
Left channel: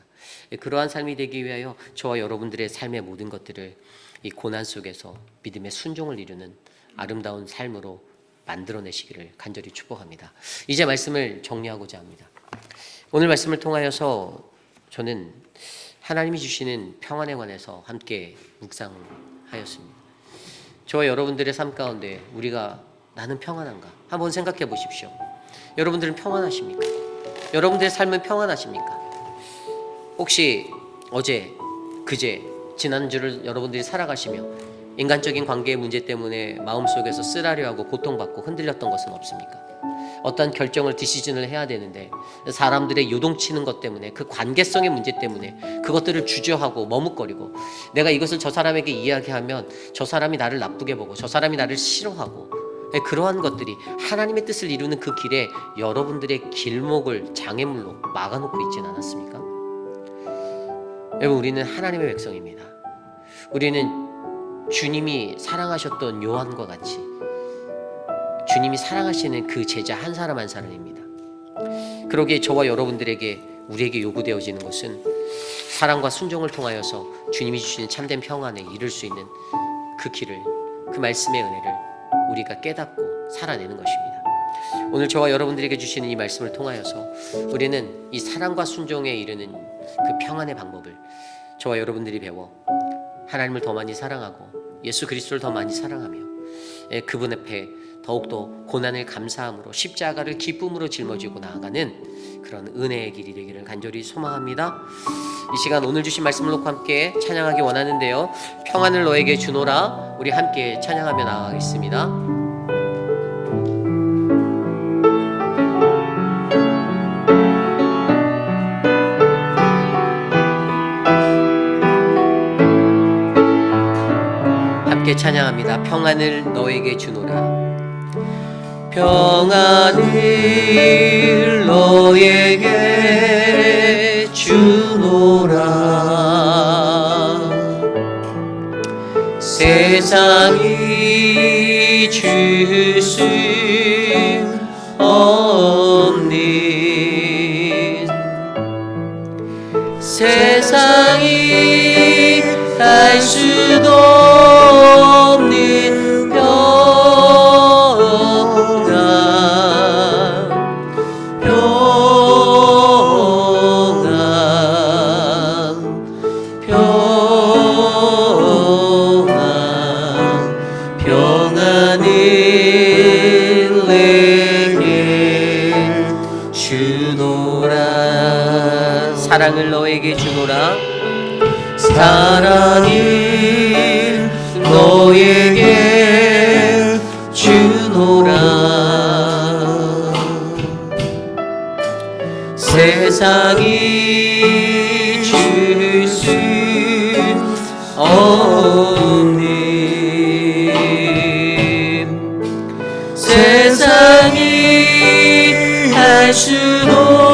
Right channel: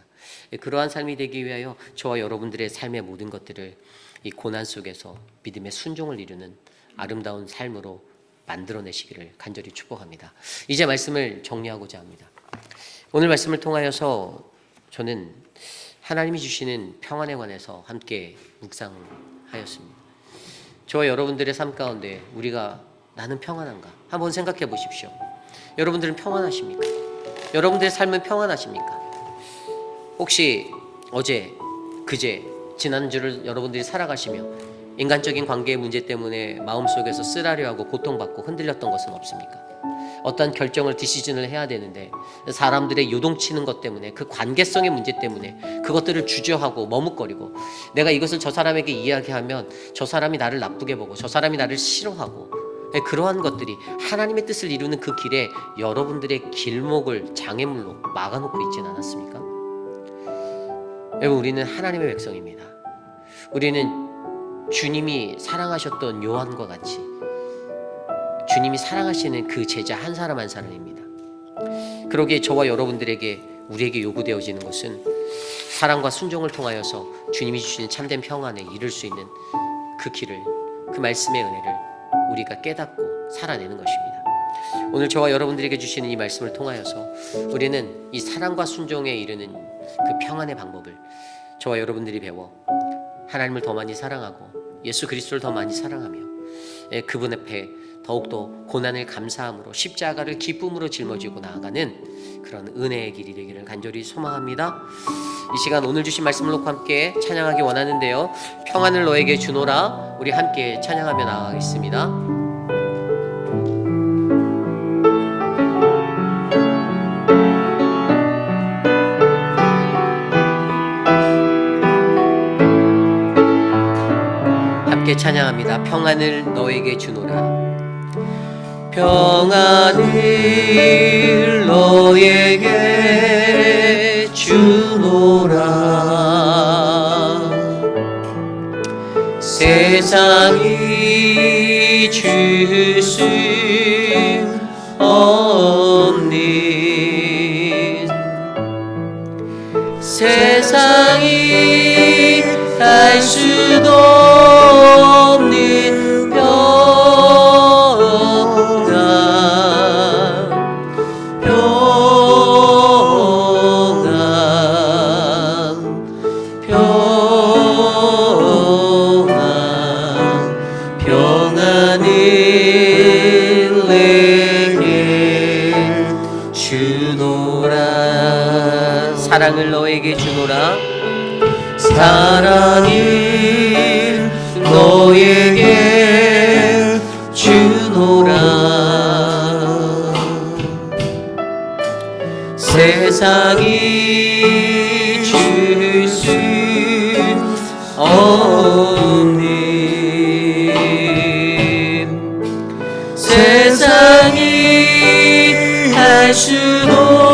그러한 삶이 되기 위하여 저와 여러분들의 삶의 모든 것들을 이 고난 속에서 믿음의 순종을 이루는 아름다운 삶으로 만들어내시기를 간절히 축복합니다. 이제 말씀을 정리하고자 합니다. 오늘 말씀을 통하여서 저는 하나님이 주시는 평안에 관해서 함께 묵상하였습니다. 저와 여러분들의 삶 가운데 우리가 나는 평안한가? 한번 생각해 보십시오. 여러분들은 평안하십니까? 여러분들의 삶은 평안하십니까? 혹시 어제, 그제, 지난주를 여러분들이 살아가시며 인간적인 관계의 문제 때문에 마음속에서 쓰라려하고 고통받고 흔들렸던 것은 없습니까? 어떤 결정을 디시전을 해야 되는데 사람들의 요동치는 것 때문에 그 관계성의 문제 때문에 그것들을 주저하고 머뭇거리고 내가 이것을 저 사람에게 이야기하면 저 사람이 나를 나쁘게 보고 저 사람이 나를 싫어하고 그러한 것들이 하나님의 뜻을 이루는 그 길에 여러분들의 길목을 장애물로 막아놓고 있지는 않았습니까? 여러분, 우리는 하나님의 백성입니다. 우리는 주님이 사랑하셨던 요한과 같이 주님이 사랑하시는 그 제자 한 사람 한 사람입니다. 그러기에 저와 여러분들에게 우리에게 요구되어지는 것은 사랑과 순종을 통하여서 주님이 주시는 참된 평안에 이를 수 있는 그 길을, 그 말씀의 은혜를 우리가 깨닫고 살아내는 것입니다. 오늘 저와 여러분들에게 주시는 이 말씀을 통하여서 우리는 이 사랑과 순종에 이르는 그 평안의 방법을 저와 여러분들이 배워 하나님을 더 많이 사랑하고 예수 그리스도를 더 많이 사랑하며 그분 앞에 더욱더 고난을 감사함으로 십자가를 기쁨으로 짊어지고 나아가는 그런 은혜의 길이 되기를 간절히 소망합니다. 이 시간 오늘 주신 말씀을 놓고 함께 찬양하기 원하는데요, 평안을 너에게 주노라, 우리 함께 찬양하며 나아가겠습니다. 함께 찬양합니다. 평안을 너에게 주노라. 평안을 너에게 주노라. 세상이 줄 수 없는, 세상이 알 수도 없는 평안을 내게 주노라. 사랑을 너에게 주노라. 사랑을 너에게 주노라. 세상이 줄 수 없는, 세상이 할 수도 없는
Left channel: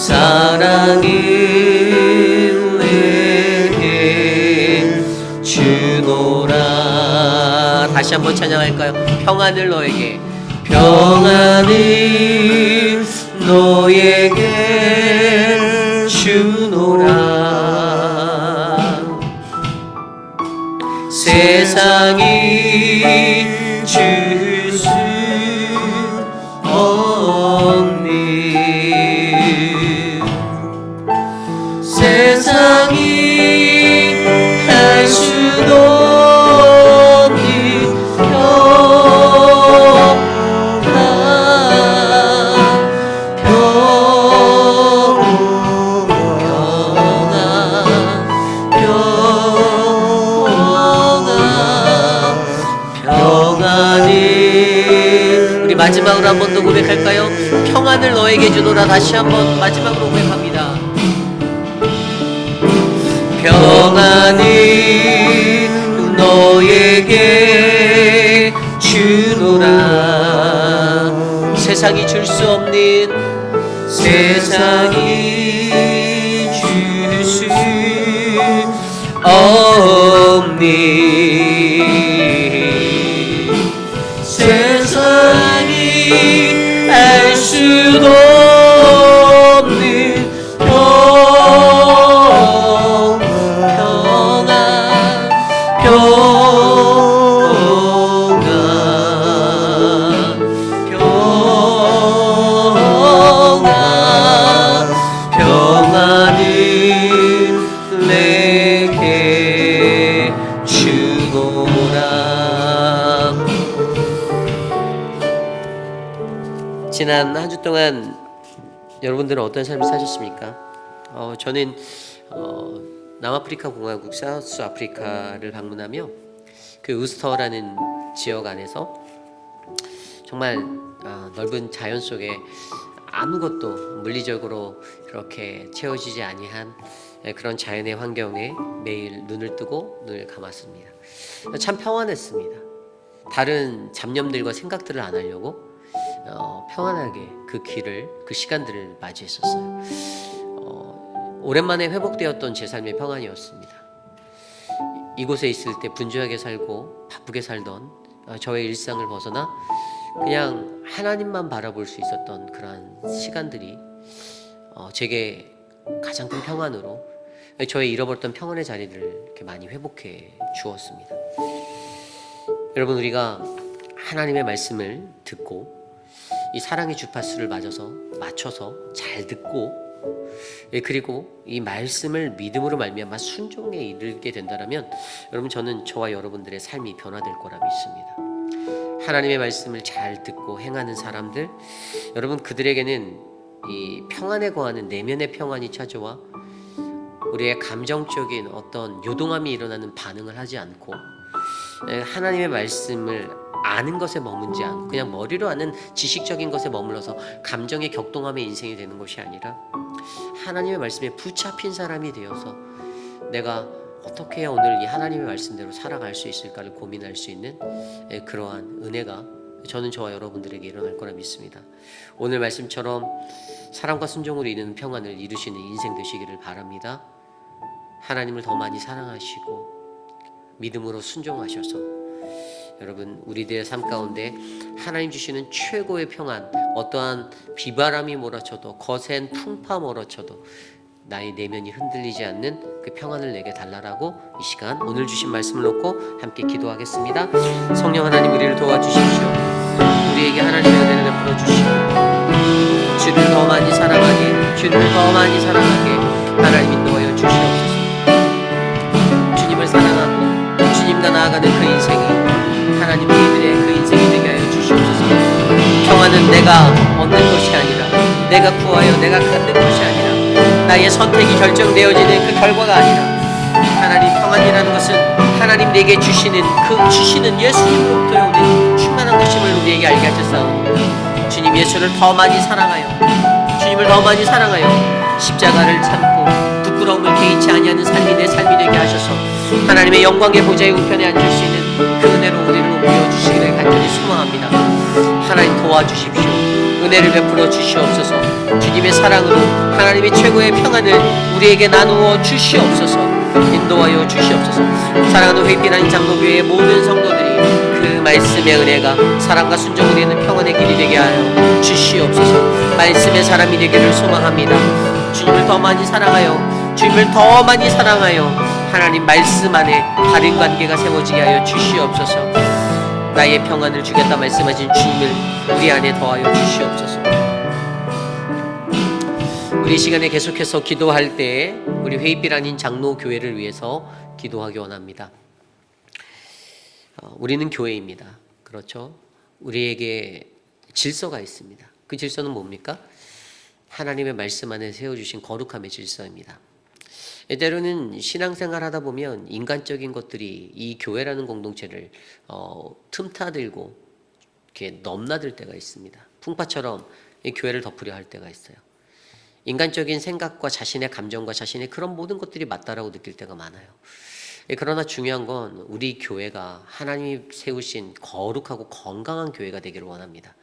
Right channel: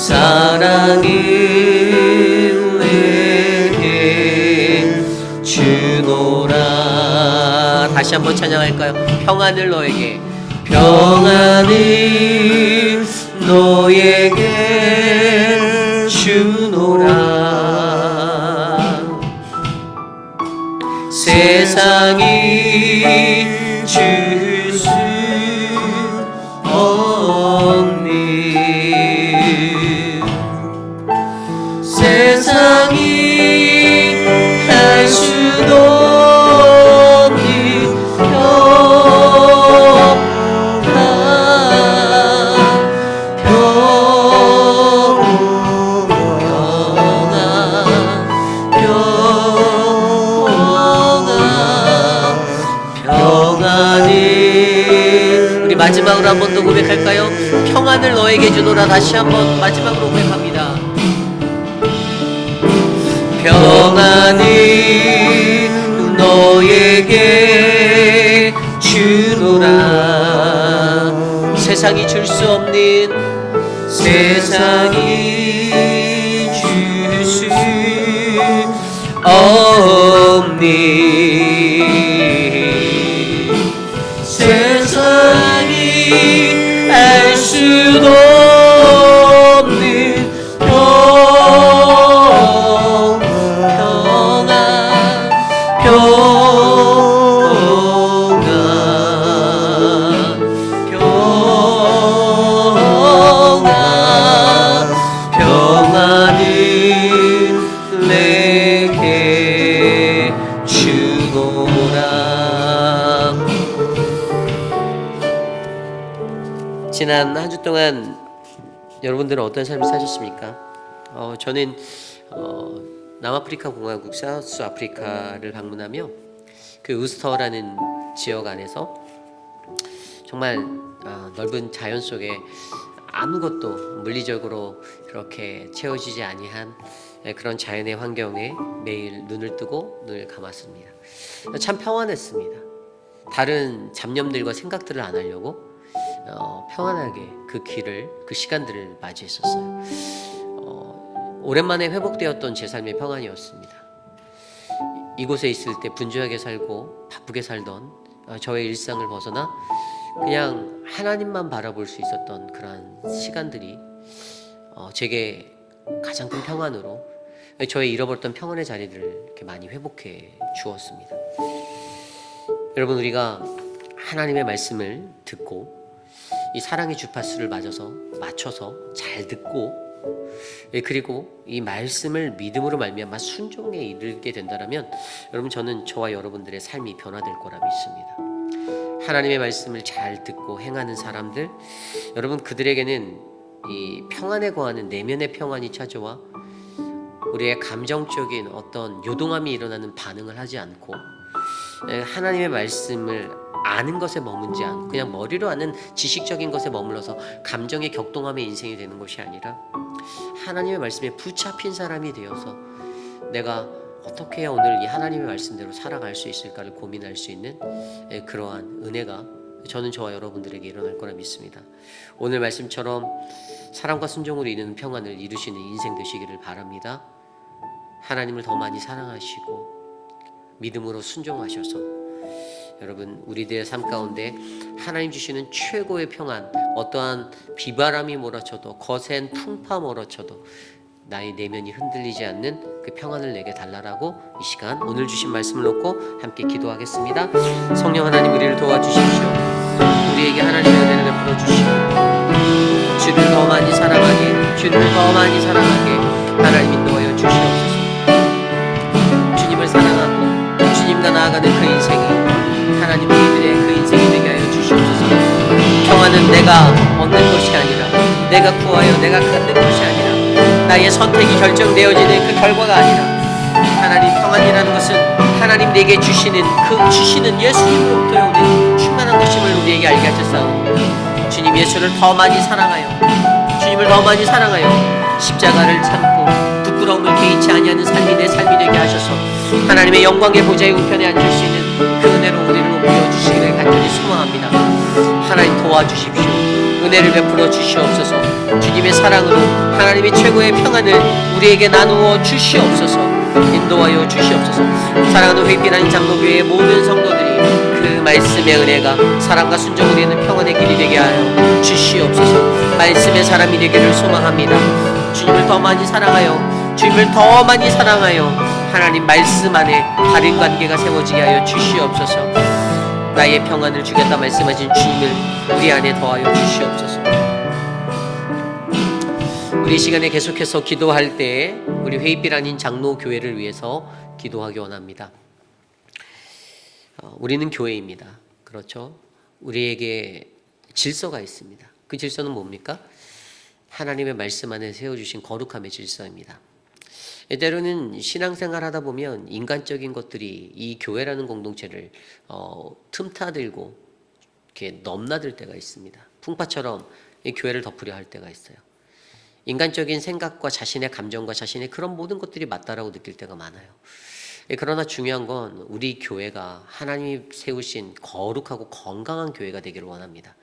사랑을 내게 주노라. 다시 한번 찬양할까요? 평안을 너에게, 평안을 너에게 주노라. 세상이 줄 수 없는, 세상이 할 수도 없는 평안을, 우리 마지막으로 한 번 더 고백할까요? 평안을 너에게 주노라. 다시 한번 마지막으로 고백합니다. 평안을 너에게 주노라. 세상이 줄 수 없는, 세상이 줄 수 없는, 세상이 알 수도 없는 평안을 내게 주노라. 지난 한 주 동안 여러분들은 어떤 삶을 사셨습니까? 저는 남아프리카 공화국 사우스 아프리카를 방문하며 그 우스터라는 지역 안에서 정말 넓은 자연 속에 아무것도 물리적으로 그렇게 채워지지 아니한 그런 자연의 환경에 매일 눈을 뜨고 눈을 감았습니다. 참 평안했습니다. 다른 잡념들과 생각들을 안 하려고 평안하게 그 길을, 그 시간들을 맞이했었어요. 오랜만에 회복되었던 제 삶의 평안이었습니다. 이곳에 있을 때 분주하게 살고 바쁘게 살던 저의 일상을 벗어나 그냥 하나님만 바라볼 수 있었던 그런 시간들이 제게 가장 큰 평안으로 저의 잃어버렸던 평안의 자리들을 이렇게 많이 회복해 주었습니다. 여러분, 우리가 하나님의 말씀을 듣고 이 사랑의 주파수를 맞춰서 잘 듣고 그리고 이 말씀을 믿음으로 말미암아 순종에 이르게 된다면 여러분, 저는 저와 여러분들의 삶이 변화될 거라 믿습니다. 하나님의 말씀을 잘 듣고 행하는 사람들, 여러분, 그들에게는 이 평안에 거하는 내면의 평안이 찾아와 우리의 감정적인 어떤 요동함이 일어나는 반응을 하지 않고 하나님의 말씀을 아는 것에 머문지 않고 그냥 머리로 아는 지식적인 것에 머물러서 감정의 격동함의 인생이 되는 것이 아니라 하나님의 말씀에 붙잡힌 사람이 되어서 내가 어떻게 해야 오늘 이 하나님의 말씀대로 살아갈 수 있을까를 고민할 수 있는 그러한 은혜가 저는 저와 여러분들에게 일어날 거라 믿습니다. 오늘 말씀처럼 사랑과 순종으로 이루는 평안을 이루시는 인생 되시기를 바랍니다. 하나님을 더 많이 사랑하시고 믿음으로 순종하셔서 여러분, 우리들의 삶 가운데 하나님 주시는 최고의 평안, 어떠한 비바람이 몰아쳐도 거센 풍파 몰아쳐도 나의 내면이 흔들리지 않는 그 평안을 내게 달라라고 이 시간 오늘 주신 말씀을 놓고 함께 기도하겠습니다. 성령 하나님, 우리를 도와주십시오. 우리에게 하나님의 은혜를 베풀어 주시고 주를 더 많이 사랑하게, 주를 더 많이 사랑하게 하나님 인도하여 주시옵소서. 주님을 사랑하고 주님과 나아가는 그 인생이 하나님의 이들의 그 인생이 되게 하여 주시옵소서. 평안은 내가 얻는 것이 아니라, 내가 구하여 내가 갖는 것이 아니라, 나의 선택이 결정되어지는 그 결과가 아니라, 하나님 평안이라는 것은 하나님 내게 주시는 그 주시는 예수님으로부터 오는 충만한 것임을 우리에게 알게 하셨사오니 주님 예수를 더 많이 사랑하여, 주님을 더 많이 사랑하여 십자가를 참고 부끄러움을 개의치 아니하는 삶이 내 삶이 되게 하셔서 하나님의 영광의 보좌에 우편에 앉을 수 있는 그 은혜로 우리를 높여 주시기를 간절히 소망합니다. 하나님 도와주십시오. 은혜를 베풀어 주시옵소서. 주님의 사랑으로 하나님의 최고의 평안을 우리에게 나누어 주시옵소서. 인도하여 주시옵소서. 사랑하는 회빛하는 장로교회의 모든 성도들이 그 말씀의 은혜가 사랑과 순종으로 있는 평안의 길이 되게 하여 주시옵소서. 말씀의 사람이 되기를 소망합니다. 주님을 더 많이 사랑하여, 주님을 더 많이 사랑하여 하나님 말씀 안에 다른 관계가 세워지게 하여 주시옵소서. 나의 평안을 주겠다 말씀하신 주님을 우리 안에 더하여 주시옵소서. 우리 시간에 계속해서 기도할 때 우리 회의빛 아닌 장로교회를 위해서 기도하기 원합니다. 우리는 교회입니다. 그렇죠? 우리에게 질서가 있습니다. 그 질서는 뭡니까? 하나님의 말씀 안에 세워주신 거룩함의 질서입니다. 때로는 신앙생활 하다 보면 인간적인 것들이 이 교회라는 공동체를 틈타들고 이렇게 넘나들 때가 있습니다. 풍파처럼 이 교회를 덮으려 할 때가 있어요. 인간적인 생각과 자신의 감정과 자신의 그런 모든 것들이 맞다라고 느낄 때가 많아요. 그러나 중요한 건 우리 교회가 하나님이 세우신 거룩하고 건강한 교회가 되기를 원합니다.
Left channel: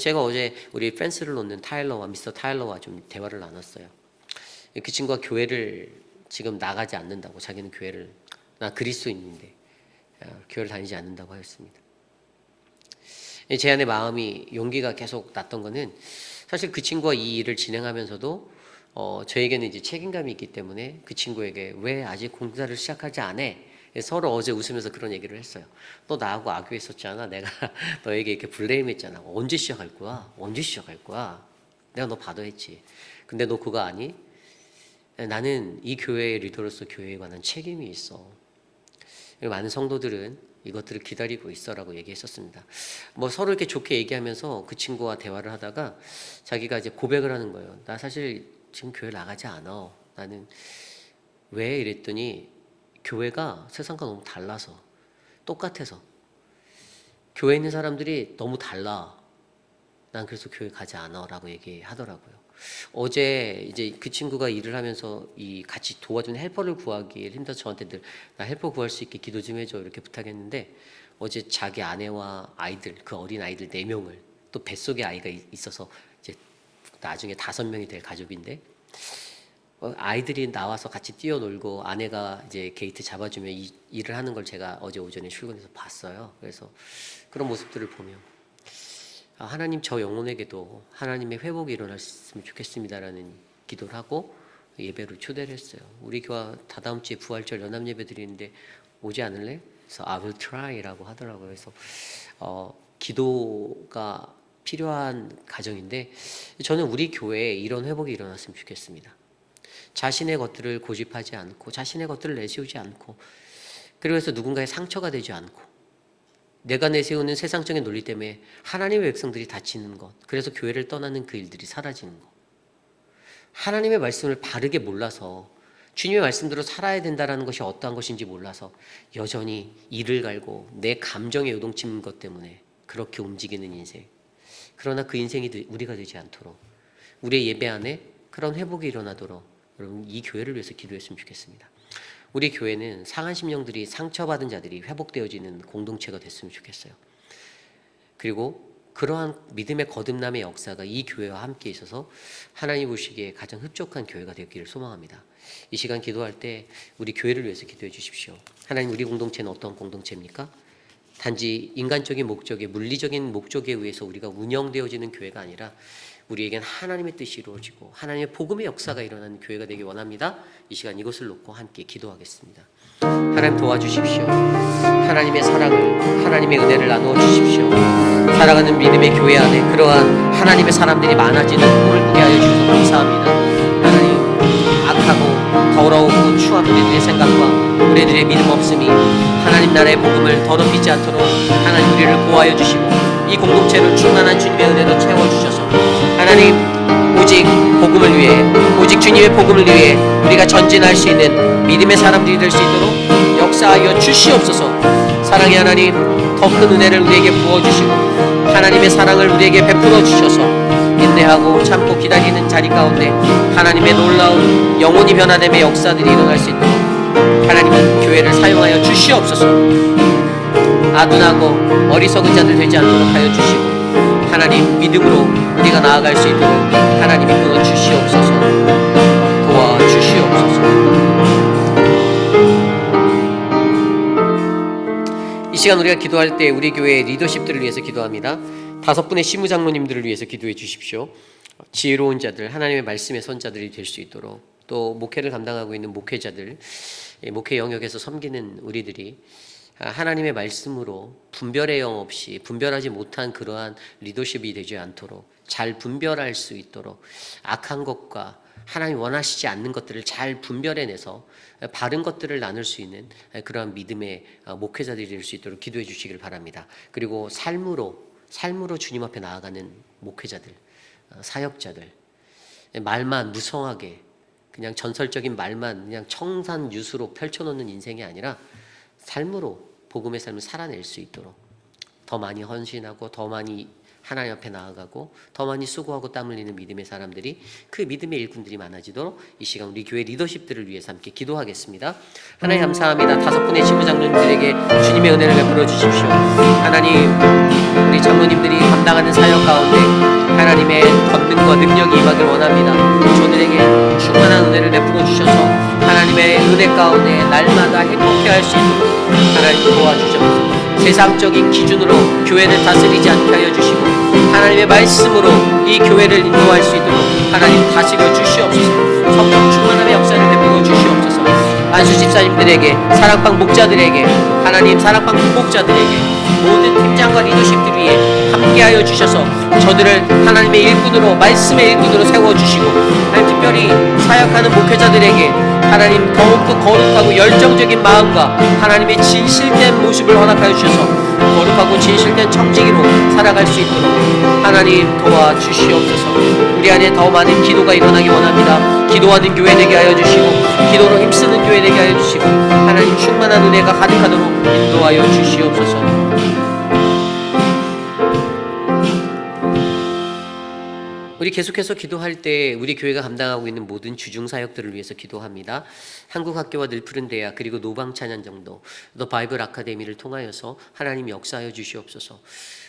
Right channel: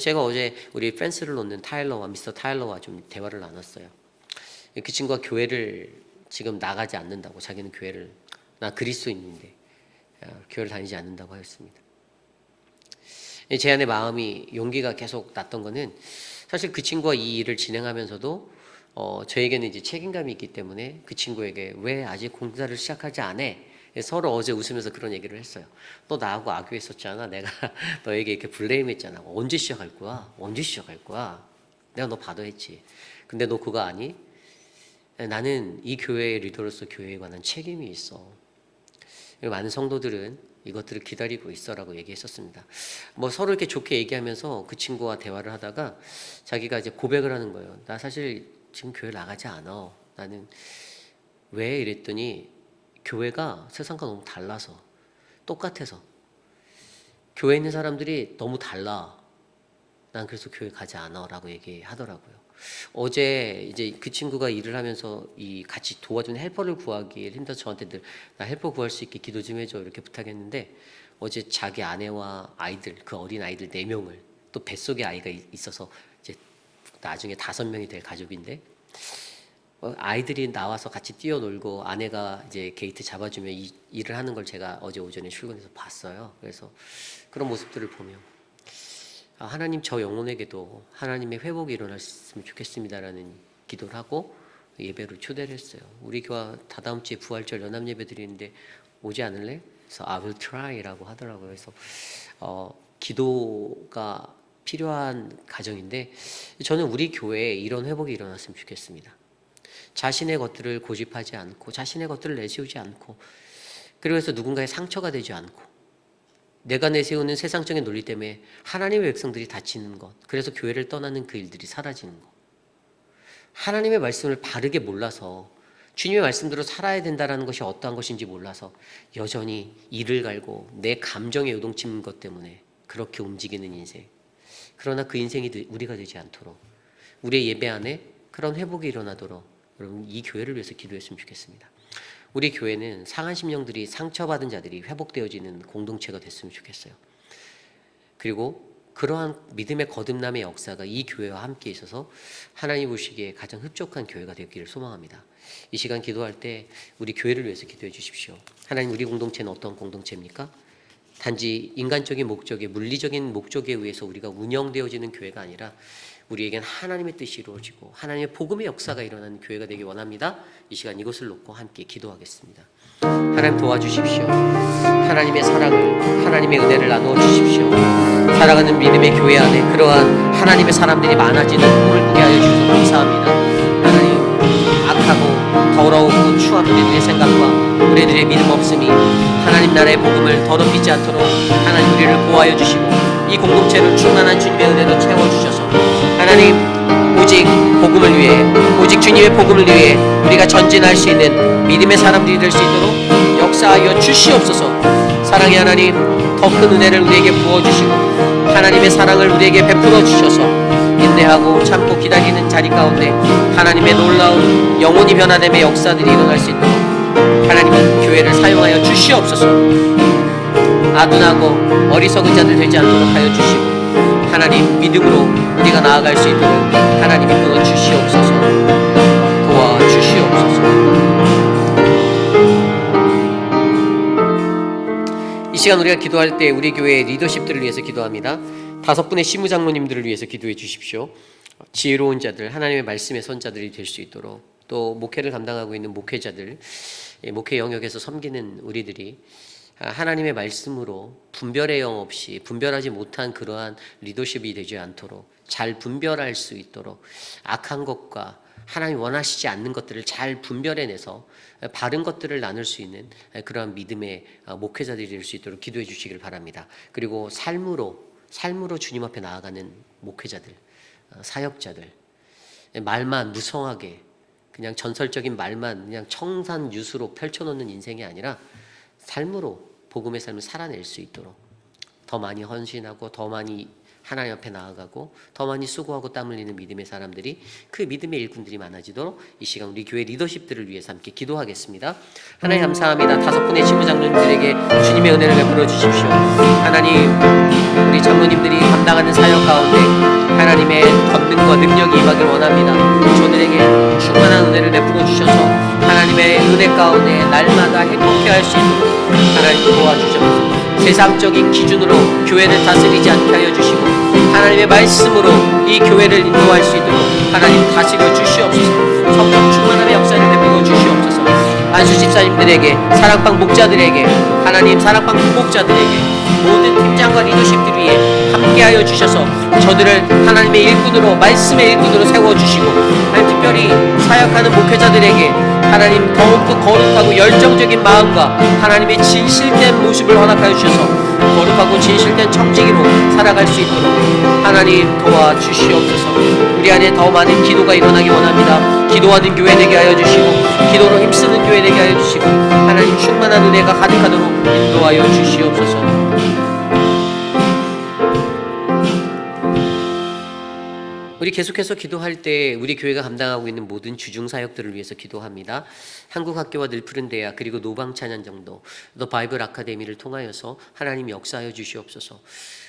제가 어제 우리 프랜스를 놓는 타일러와 미스터 타일러와 좀 대화를 나눴어요. 그 친구가 교회를 지금 나가지 않는다고, 자기는 교회를, 나 그리스도인인데 교회를 다니지 않는다고 하였습니다. 제 안에 마음이 용기가 계속 났던 거는 사실 그 친구가 이 일을 진행하면서도 저에게는 이제 책임감이 있기 때문에 그 친구에게 왜 아직 공사를 시작하지 않아? 서로 어제 웃으면서 그런 얘기를 했어요. 너 나하고 악유했었잖아. 내가 너에게 이렇게 블레임했잖아. 언제 시작할 거야? 언제 시작할 거야? 내가 너 받아했지. 근데 너 그거 아니? 나는 이 교회의 리더로서 교회에 관한 책임이 있어. 많은 성도들은 이것들을 기다리고 있어라고 얘기했었습니다. 뭐 서로 이렇게 좋게 얘기하면서 그 친구와 대화를 하다가 자기가 이제 고백을 하는 거예요. 나 사실 지금 교회 나가지 않아. 나는 왜 이랬더니 교회가 세상과 너무 달라서, 똑같아서 교회에 있는 사람들이 너무 달라. 난 그래서 교회 가지 않아라고 얘기하더라고요. 어제 이제 그 친구가 일을 하면서 이 같이 도와준 헬퍼를 구하기 힘들어서 저한테 늘 나 헬퍼 구할 수 있게 기도 좀 해줘 이렇게 부탁했는데, 어제 자기 아내와 아이들, 그 어린 아이들 4명을, 또 뱃속에 아이가 있어서 이제 나중에 5명이 될 가족인데, 아이들이 나와서 같이 뛰어놀고 아내가 이제 게이트 잡아주며 일을 하는 걸 제가 어제 오전에 출근해서 봤어요. 그래서 그런 모습들을 보며 하나님, 저 영혼에게도 하나님의 회복이 일어났으면 좋겠습니다라는 기도를 하고 예배로 초대를 했어요. 우리 교회 다다음 주에 부활절 연합 예배 드리는데 오지 않을래? 그래서 I will try라고 하더라고요. 그래서 기도가 필요한 가정인데, 저는 우리 교회에 이런 회복이 일어났으면 좋겠습니다. 자신의 것들을 고집하지 않고, 자신의 것들을 내세우지 않고, 그래서 누군가의 상처가 되지 않고, 내가 내세우는 세상적인 논리 때문에 하나님의 백성들이 다치는 것, 그래서 교회를 떠나는 그 일들이 사라지는 것, 하나님의 말씀을 바르게 몰라서 주님의 말씀대로 살아야 된다는 것이 어떠한 것인지 몰라서 여전히 이를 갈고 내 감정에 요동치는 것 때문에 그렇게 움직이는 인생, 그러나 그 인생이 우리가 되지 않도록, 우리의 예배 안에 그런 회복이 일어나도록 여러분 이 교회를 위해서 기도했으면 좋겠습니다. 우리 교회는 상한 심령들이, 상처받은 자들이 회복되어지는 공동체가 됐으면 좋겠어요. 그리고 그러한 믿음의 거듭남의 역사가 이 교회와 함께 있어서 하나님 보시기에 가장 흡족한 교회가 되기를 소망합니다. 이 시간 기도할 때 우리 교회를 위해서 기도해 주십시오. 하나님, 우리 공동체는 어떤 공동체입니까? 단지 인간적인 목적에, 물리적인 목적에 의해서 우리가 운영되어지는 교회가 아니라 우리에겐 하나님의 뜻이 이루어지고 하나님의 복음의 역사가 일어나는 교회가 되길 원합니다. 이 시간 이것을 놓고 함께 기도하겠습니다. 하나님 도와주십시오. 하나님의 사랑을, 하나님의 은혜를 나누어 주십시오. 살아가는 믿음의 교회 안에 그러한 하나님의 사람들이 많아지는 꿈을 꾸게 하여 주셔서 감사합니다. 하나님, 악하고 더러우고 추한 우리들의 생각과 우리들의 믿음 없음이 하나님 나라의 복음을 더럽히지 않도록 하나님 우리를 보호하여 주시고 이 공동체를 충만한 주님의 은혜로 채워주셔서 하나님, 오직 복음을 위해, 오직 주님의 복음을 위해 우리가 전진할 수 있는 믿음의 사람들이 될 수 있도록 역사하여 주시옵소서. 사랑의 하나님, 더 큰 은혜를 우리에게 부어주시고 하나님의 사랑을 우리에게 베풀어 주셔서 인내하고 참고 기다리는 자리 가운데 하나님의 놀라운 영혼이 변화됨의 역사들이 일어날 수 있도록 하나님의 교회를 사용하여 주시옵소서. 아둔하고 어리석은 자들 되지 않도록 하여 주시고 하나님 믿음으로 우리가 나아갈 수 있도록 하나님이 불어 주시옵소서. 도와주시옵소서. 이 시간 우리가 기도할 때 우리 교회의 리더십들을 위해서 기도합니다. 5분의 시무장로님들을 위해서 기도해 주십시오. 지혜로운 자들, 하나님의 말씀의 선자들이 될 수 있도록, 또 목회를 감당하고 있는 목회자들, 목회 영역에서 섬기는 우리들이 하나님의 말씀으로 분별의 영 없이, 분별하지 못한 그러한 리더십이 되지 않도록 잘 분별할 수 있도록 악한 것과 하나님 원하시지 않는 것들을 잘 분별해내서 바른 것들을 나눌 수 있는 그러한 믿음의 목회자들이 될 수 있도록 기도해 주시길 바랍니다. 그리고 삶으로 주님 앞에 나아가는 목회자들, 사역자들, 말만 무성하게 그냥 전설적인 말만 그냥 청산유수로 펼쳐놓는 인생이 아니라 삶으로 복음의 삶을 살아낼 수 있도록 더 많이 헌신하고 더 많이 하나님 앞에 나아가고 더 많이 수고하고 땀 흘리는 믿음의 사람들이, 그 믿음의 일꾼들이 많아지도록 이 시간 우리 교회 리더십들을 위해서 함께 기도하겠습니다. 하나님 감사합니다. 5분의 지부장로님들에게 주님의 은혜를 베풀어 주십시오. 하나님, 우리 장로님들이 감당하는 사역 가운데 하나님의 권능과 능력이 임하길 원합니다. 저들에게 충만한 은혜를 베풀어 주셔서 하나님의 은혜 가운데 날마다 행복해 할 수 있도록 하나님 도와주셔서 세상적인 기준으로 교회를 다스리지 않게 하여 주시고 하나님의 말씀으로 이 교회를 인도할 수 있도록 하나님 다스려 주시옵소서. 성령 충만함의 역사를 베풀어 주시옵소서. 안수 집사님들에게, 사랑방 목자들에게, 하나님 사랑방 부목자들에게, 모든 팀장과 리더십들 위해 함께하여 주셔서 저들을 하나님의 일꾼으로, 말씀의 일꾼으로 세워주시고 특별히 사역하는 목회자들에게 하나님 더욱더 거룩하고 열정적인 마음과 하나님의 진실된 모습을 허락하여 주셔서 거룩하고 진실된 청지기로 살아갈 수 있도록 하나님 도와주시옵소서. 우리 안에 더 많은 기도가 일어나기 원합니다. 기도하는 교회 되게 하여 주시고 기도로 힘쓰는 교회 되게 하여 주시고 하나님 충만한 은혜가 가득하도록 인도하여 주시옵소서. 우리 계속해서 기도할 때 우리 교회가 감당하고 있는 모든 주중 사역들을 위해서 기도합니다. 한국학교와 늘푸른 대학 그리고 노방찬양정도 또 바이블 아카데미를 통하여서 하나님 역사하여 주시옵소서.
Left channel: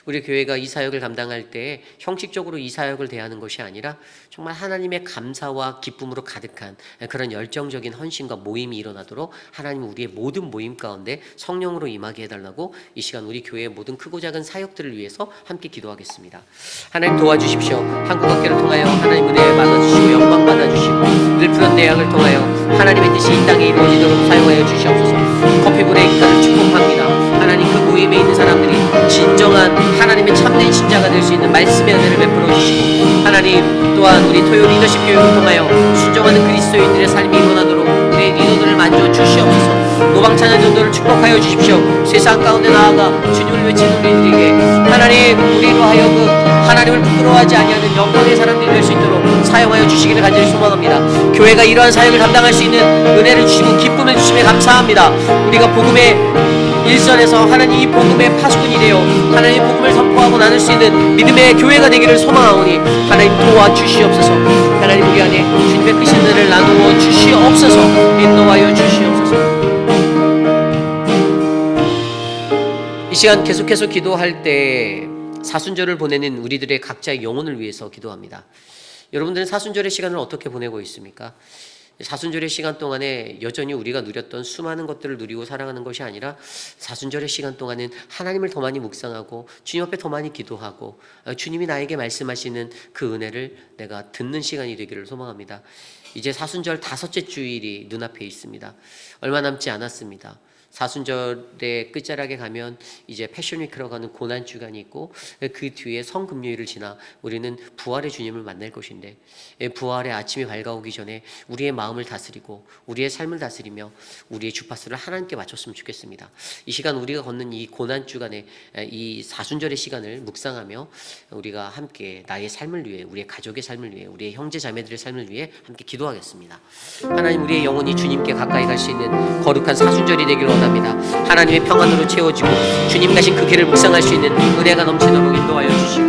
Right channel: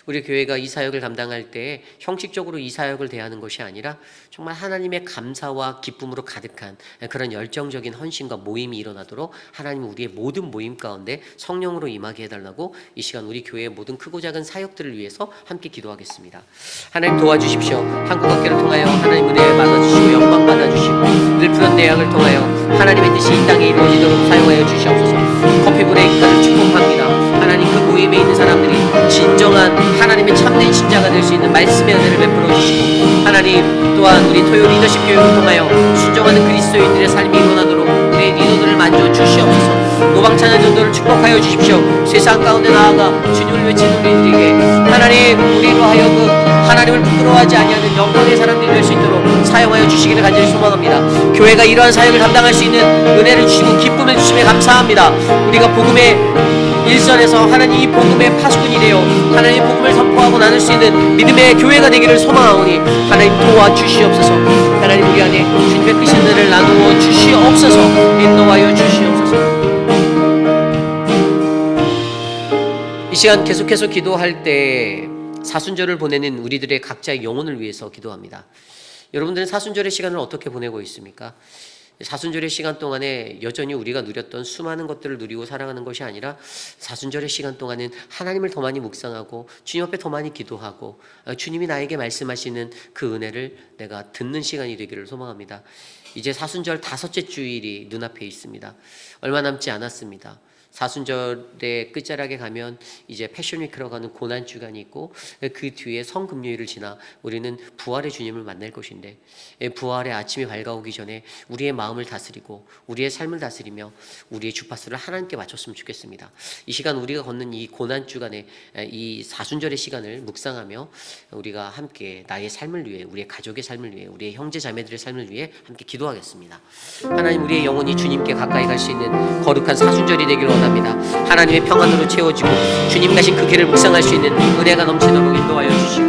우리 교회가 이 사역을 감당할 때 형식적으로 이 사역을 대하는 것이 아니라 정말 하나님의 감사와 기쁨으로 가득한 그런 열정적인 헌신과 모임이 일어나도록 하나님 우리의 모든 모임 가운데 성령으로 임하게 해달라고 이 시간 우리 교회의 모든 크고 작은 사역들을 위해서 함께 기도하겠습니다. 하나님 도와주십시오. 한국학교를 통하여 하나님 은혜 받아주시고 영광 받아주시고 늘푸른 대학을 통하여 하나님의 뜻이 이 땅에 이루어지도록 사용하여 주시옵소서. 커피 브레이크를 축복합니다. 하나님 그 모임에 있는 사람들이 진정한 하나님의 참된 신자가 될 수 있는 말씀의 은혜를 베풀어 주시고 하나님 또한 우리 토요 리더십 교육을 통하여 순종하는 그리스도인들의 삶이 일어나도록 우리의 리더들을 만져 주시옵소서. 노방찬의 전도를 축복하여 주십시오. 세상 가운데 나아가 주님을 외치는 우리들에게 하나님 우리로 하여금 하나님을 부끄러워하지 아니하는 영혼의 사람들이 될 수 있도록 사용하여 주시기를 간절히 소망합니다. 교회가 이러한 사역을 감당할 수 있는 은혜를 주시고 기쁨을 주심에 감사합니다. 우리가 복음의 일선에서 하나님 이 복음의 파수꾼이 되어 하나님 복음을 선포하고 나눌 수 있는 믿음의 교회가 되기를 소망하오니 하나님 도와주시옵소서. 하나님 우리 안에 주님의 크신 은혜를 나누어 주시옵소서. 인도하여 주시옵소서. 이 시간 계속해서 기도할 때 사순절을 보내는 우리들의 각자의 영혼을 위해서 기도합니다. 여러분들은 사순절의 시간을 어떻게 보내고 있습니까? 사순절의 시간 동안에 여전히 우리가 누렸던 수많은 것들을 누리고 살아가는 것이 아니라 사순절의 시간 동안은 하나님을 더 많이 묵상하고 주님 앞에 더 많이 기도하고 주님이 나에게 말씀하시는 그 은혜를 내가 듣는 시간이 되기를 소망합니다. 이제 사순절 5째 주일이 눈앞에 있습니다. 얼마 남지 않았습니다. 사순절의 끝자락에 가면 이제 패션위크로 가는 고난주간이 있고 그 뒤에 성금요일을 지나 우리는 부활의 주님을 만날 것인데 부활의 아침이 밝아오기 전에 우리의 마음을 다스리고 우리의 삶을 다스리며 우리의 주파수를 하나님께 맞췄으면 좋겠습니다. 이 시간 우리가 걷는 이 고난주간에 이 사순절의 시간을 묵상하며 우리가 함께 나의 삶을 위해 우리의 가족의 삶을 위해 우리의 형제 자매들의 삶을 위해 함께 기도하겠습니다. 하나님 우리의 영혼이 주님께 가까이 갈 수 있는 거룩한 사순절이 되기를 원합니다. 하나님의 평안으로 채워지고 주님 가신 그 길을 묵상할 수 있는 은혜가 넘치도록 인도하여 주시고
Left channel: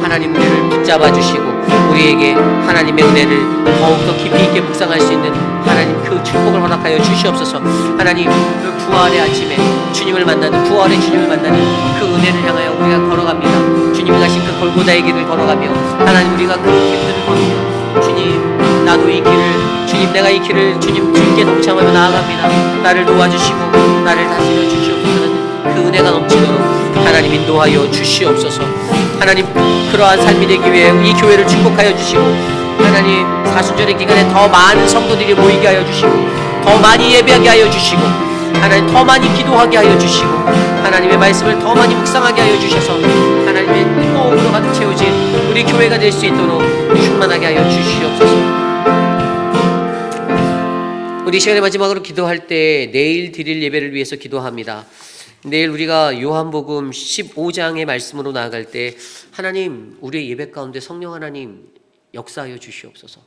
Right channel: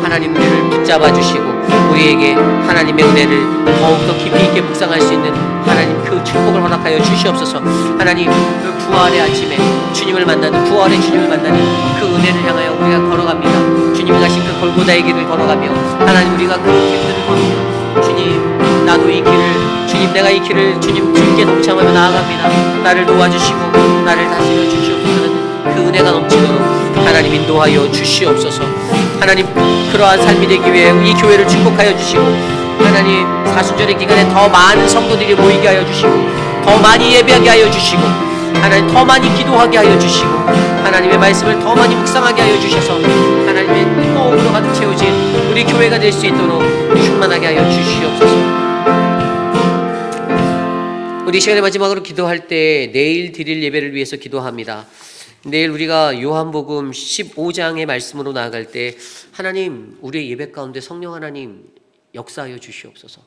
하나님 은혜를 붙잡아 주시고 우리에게 하나님의 은혜를 더욱더 깊이 있게 묵상할 수 있는 하나님 그 축복을 허락하여 주시옵소서. 하나님 그 부활의 아침에 주님을 만나는 부활의 주님을 만나는 그 은혜를 향하여 우리가 걸어갑니다. 주님이 가신 그 골고다의 길을 걸어가며 하나님 우리가 그 길을 걸으며 주님 나도 이 길을 주님 내가 이 길을 주님께 동참하며 나아갑니다. 나를 도와주시고 나를 다스려 주시옵소서. 그 은혜가 넘치도록 하나님 인도하여 주시옵소서. 하나님 그러한 삶이 되기 위해 이 교회를 축복하여 주시고 하나님 사순절의 기간에 더 많은 성도들이 모이게 하여 주시고 더 많이 예배하게 하여 주시고 하나님 더 많이 기도하게 하여 주시고 하나님의 말씀을 더 많이 묵상하게 하여 주셔서 하나님의 뜨거움으로 가득 채워진 우리 교회가 될 수 있도록 충만하게 하여 주시옵소서. 우리 시간의 마지막으로 기도할 때 내일 드릴 예배를 위해서 기도합니다. 내일 우리가 요한복음 15장의 말씀으로 나아갈 때 하나님 우리의 예배 가운데 성령 하나님 역사하여 주시옵소서.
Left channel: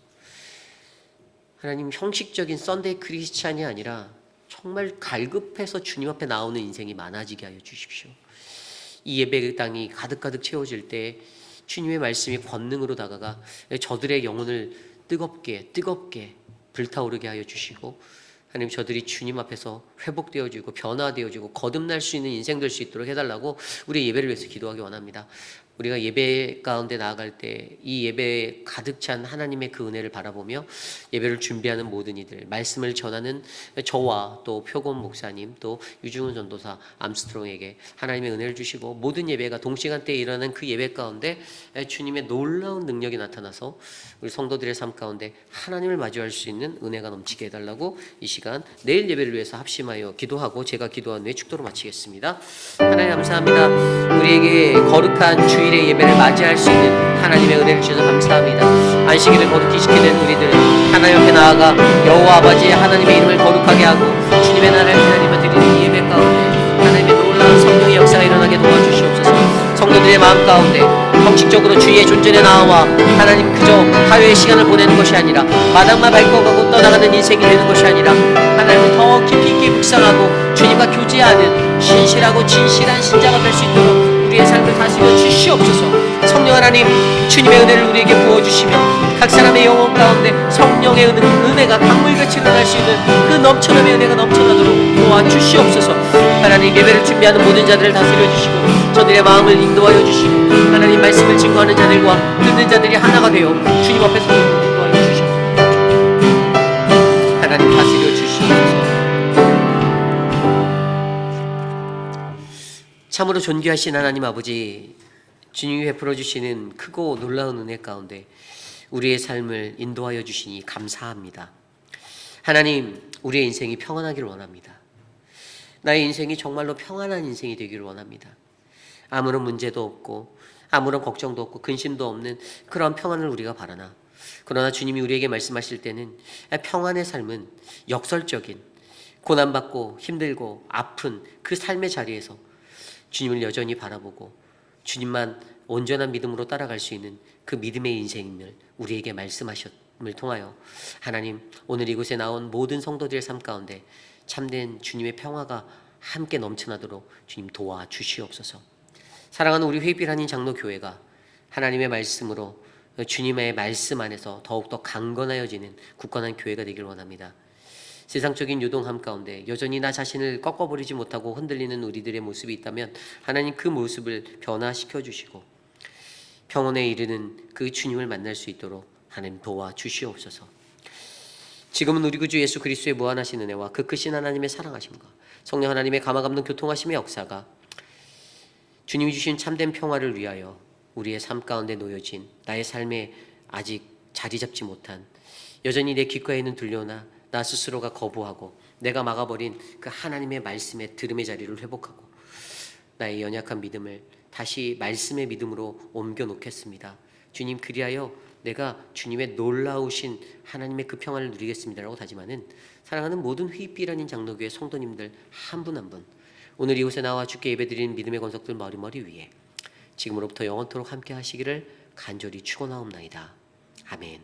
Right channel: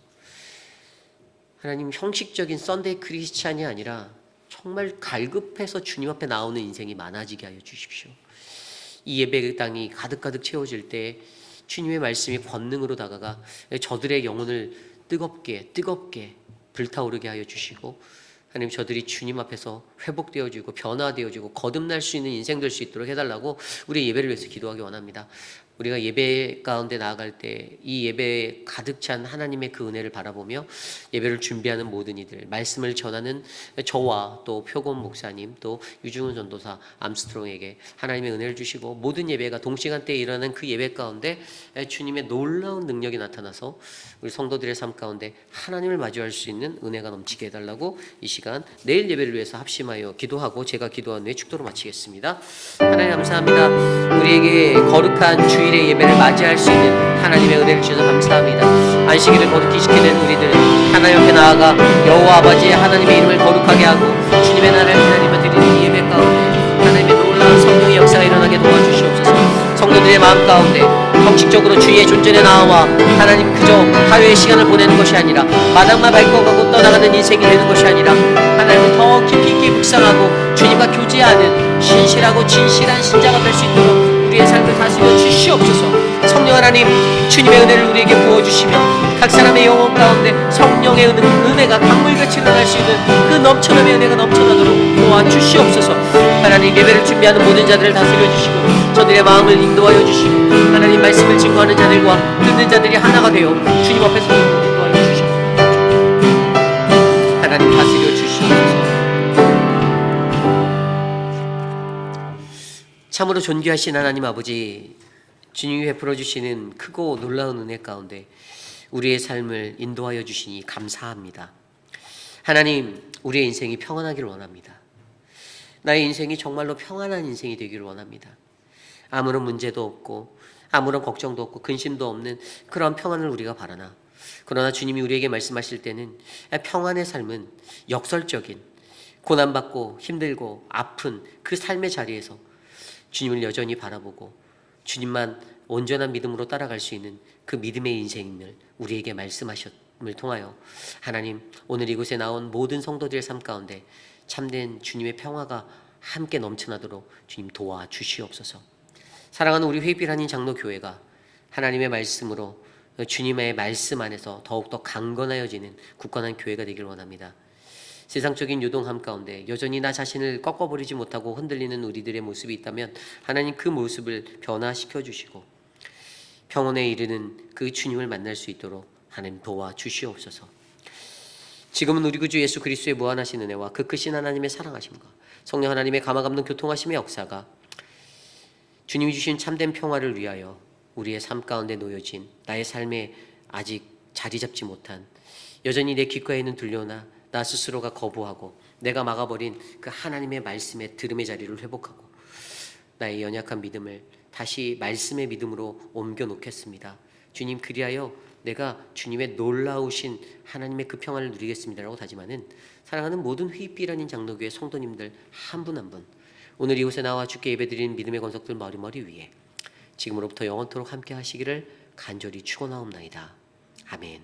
하나님 형식적인 썬데이 크리스찬이 아니라 정말 갈급해서 주님 앞에 나오는 인생이 많아지게 하여 주십시오. 이 예배의 땅이 가득가득 채워질 때 주님의 말씀이 권능으로 다가가 저들의 영혼을 뜨겁게 불타오르게 하여 주시고 하나님 저들이 주님 앞에서 회복되어지고 변화되어지고 거듭날 수 있는 인생 될 수 있도록 해달라고 우리 예배를 위해서 기도하기 원합니다. 우리가 예배 가운데 나아갈 때 이 예배에 가득 찬 하나님의 그 은혜를 바라보며 예배를 준비하는 모든 이들, 말씀을 전하는 저와 또 표곤 목사님, 또 유중훈 전도사, 암스트롱에게 하나님의 은혜를 주시고 모든 예배가 동시간대에 일어나는 그 예배 가운데 주님의 놀라운 능력이 나타나서 우리 성도들의 삶 가운데 하나님을 마주할 수 있는 은혜가 넘치게 해달라고 이 시간 내일 예배를 위해서 합심하고 말씀하여 기도하고 제가 기도한 후에 축도로 마치겠습니다. 하나님 감사합니다. 우리에게 거룩한 주일의 예배를 맞이할 수 있는 하나님의 은혜를 주셔서 감사합니다. 안식일을 거룩히 지키는 우리들 하나님 앞에 나아가 여호와 아버지의 하나님의 이름을 거룩하게 하고 주님의 나라를 하나님을 드리는 예배 가운데 하나님의 놀라운 성령의 역사가 일어나게 도와주시옵소서. 성도들의 마음 가운데 형식적으로 주의 존전에 나와 하나님 그저 하루의 시간을 보내는 것이 아니라 마당만 밟고 가고 떠나가는 인생이 되는 것이 아니라 하나님을 더 깊이 있게 묵상하고 주님과 교제하는 신실하고 진실한 신자가 될 수 있도록 우리의 삶을 다스려 주시옵소서. 성령 하나님 주님의 은혜를 우리에게 부어주시며 각 사람의 영혼 가운데 성령의 은혜가 강물같이 일어날 수 있는 그 넘쳐남의 은혜가 넘쳐나도록 도와주시옵소서. 하나님 예배를 준비하는 모든 자들을 다스려 주시고 저들의 마음을 인도하여 주시고 하나님 말씀을 증거하는 자들과 듣는 자들이 하나가 되어 주님 앞에서 인도하여 주시옵소서. 하나님 다스려 주시옵소서. 참으로 존귀하신 하나님 아버지, 주님이 베풀어 주시는 크고 놀라운 은혜 가운데 우리의 삶을 인도하여 주시니 감사합니다. 하나님, 우리의 인생이 평안하기를 원합니다. 나의 인생이 정말로 평안한 인생이 되기를 원합니다. 아무런 문제도 없고 아무런 걱정도 없고 근심도 없는 그런 평안을 우리가 바라나, 그러나 주님이 우리에게 말씀하실 때는 평안의 삶은 역설적인 고난받고 힘들고 아픈 그 삶의 자리에서 주님을 여전히 바라보고 주님만 온전한 믿음으로 따라갈 수 있는 그 믿음의 인생을 우리에게 말씀하셨음을 통하여 하나님, 오늘 이곳에 나온 모든 성도들의 삶 가운데 참된 주님의 평화가 함께 넘쳐나도록 주님 도와주시옵소서. 사랑하는 우리 회비라는 장로교회가 하나님의 말씀으로 주님의 말씀 안에서 더욱더 강건하여지는 굳건한 교회가 되길 원합니다. 세상적인 요동함 가운데 여전히 나 자신을 꺾어버리지 못하고 흔들리는 우리들의 모습이 있다면 하나님 그 모습을 변화시켜 주시고 평온에 이르는 그 주님을 만날 수 있도록 하나님 도와주시옵소서. 지금은 우리 구주 예수 그리스도의 무한하신 은혜와 그 크신 하나님의 사랑하심과 성령 하나님의 감화감동 교통하심의 역사가 주님이 주신 참된 평화를 위하여 우리의 삶 가운데 놓여진 나의 삶에 아직 자리 잡지 못한, 여전히 내 귓가에는 들려오나 나 스스로가 거부하고 내가 막아버린 그 하나님의 말씀의 들음의 자리를 회복하고 나의 연약한 믿음을 다시 말씀의 믿음으로 옮겨 놓겠습니다. 주님, 그리하여 내가 주님의 놀라우신 하나님의 그 평안을 누리겠습니다라고 다짐하는 사랑하는 모든 휘빛라는 장로교회 성도님들 한 분 한 분, 오늘 이곳에 나와 주께 예배드리는 믿음의 권속들 머리머리 위에 지금으로부터 영원토록 함께 하시기를 간절히 축원하옵나이다. 아멘.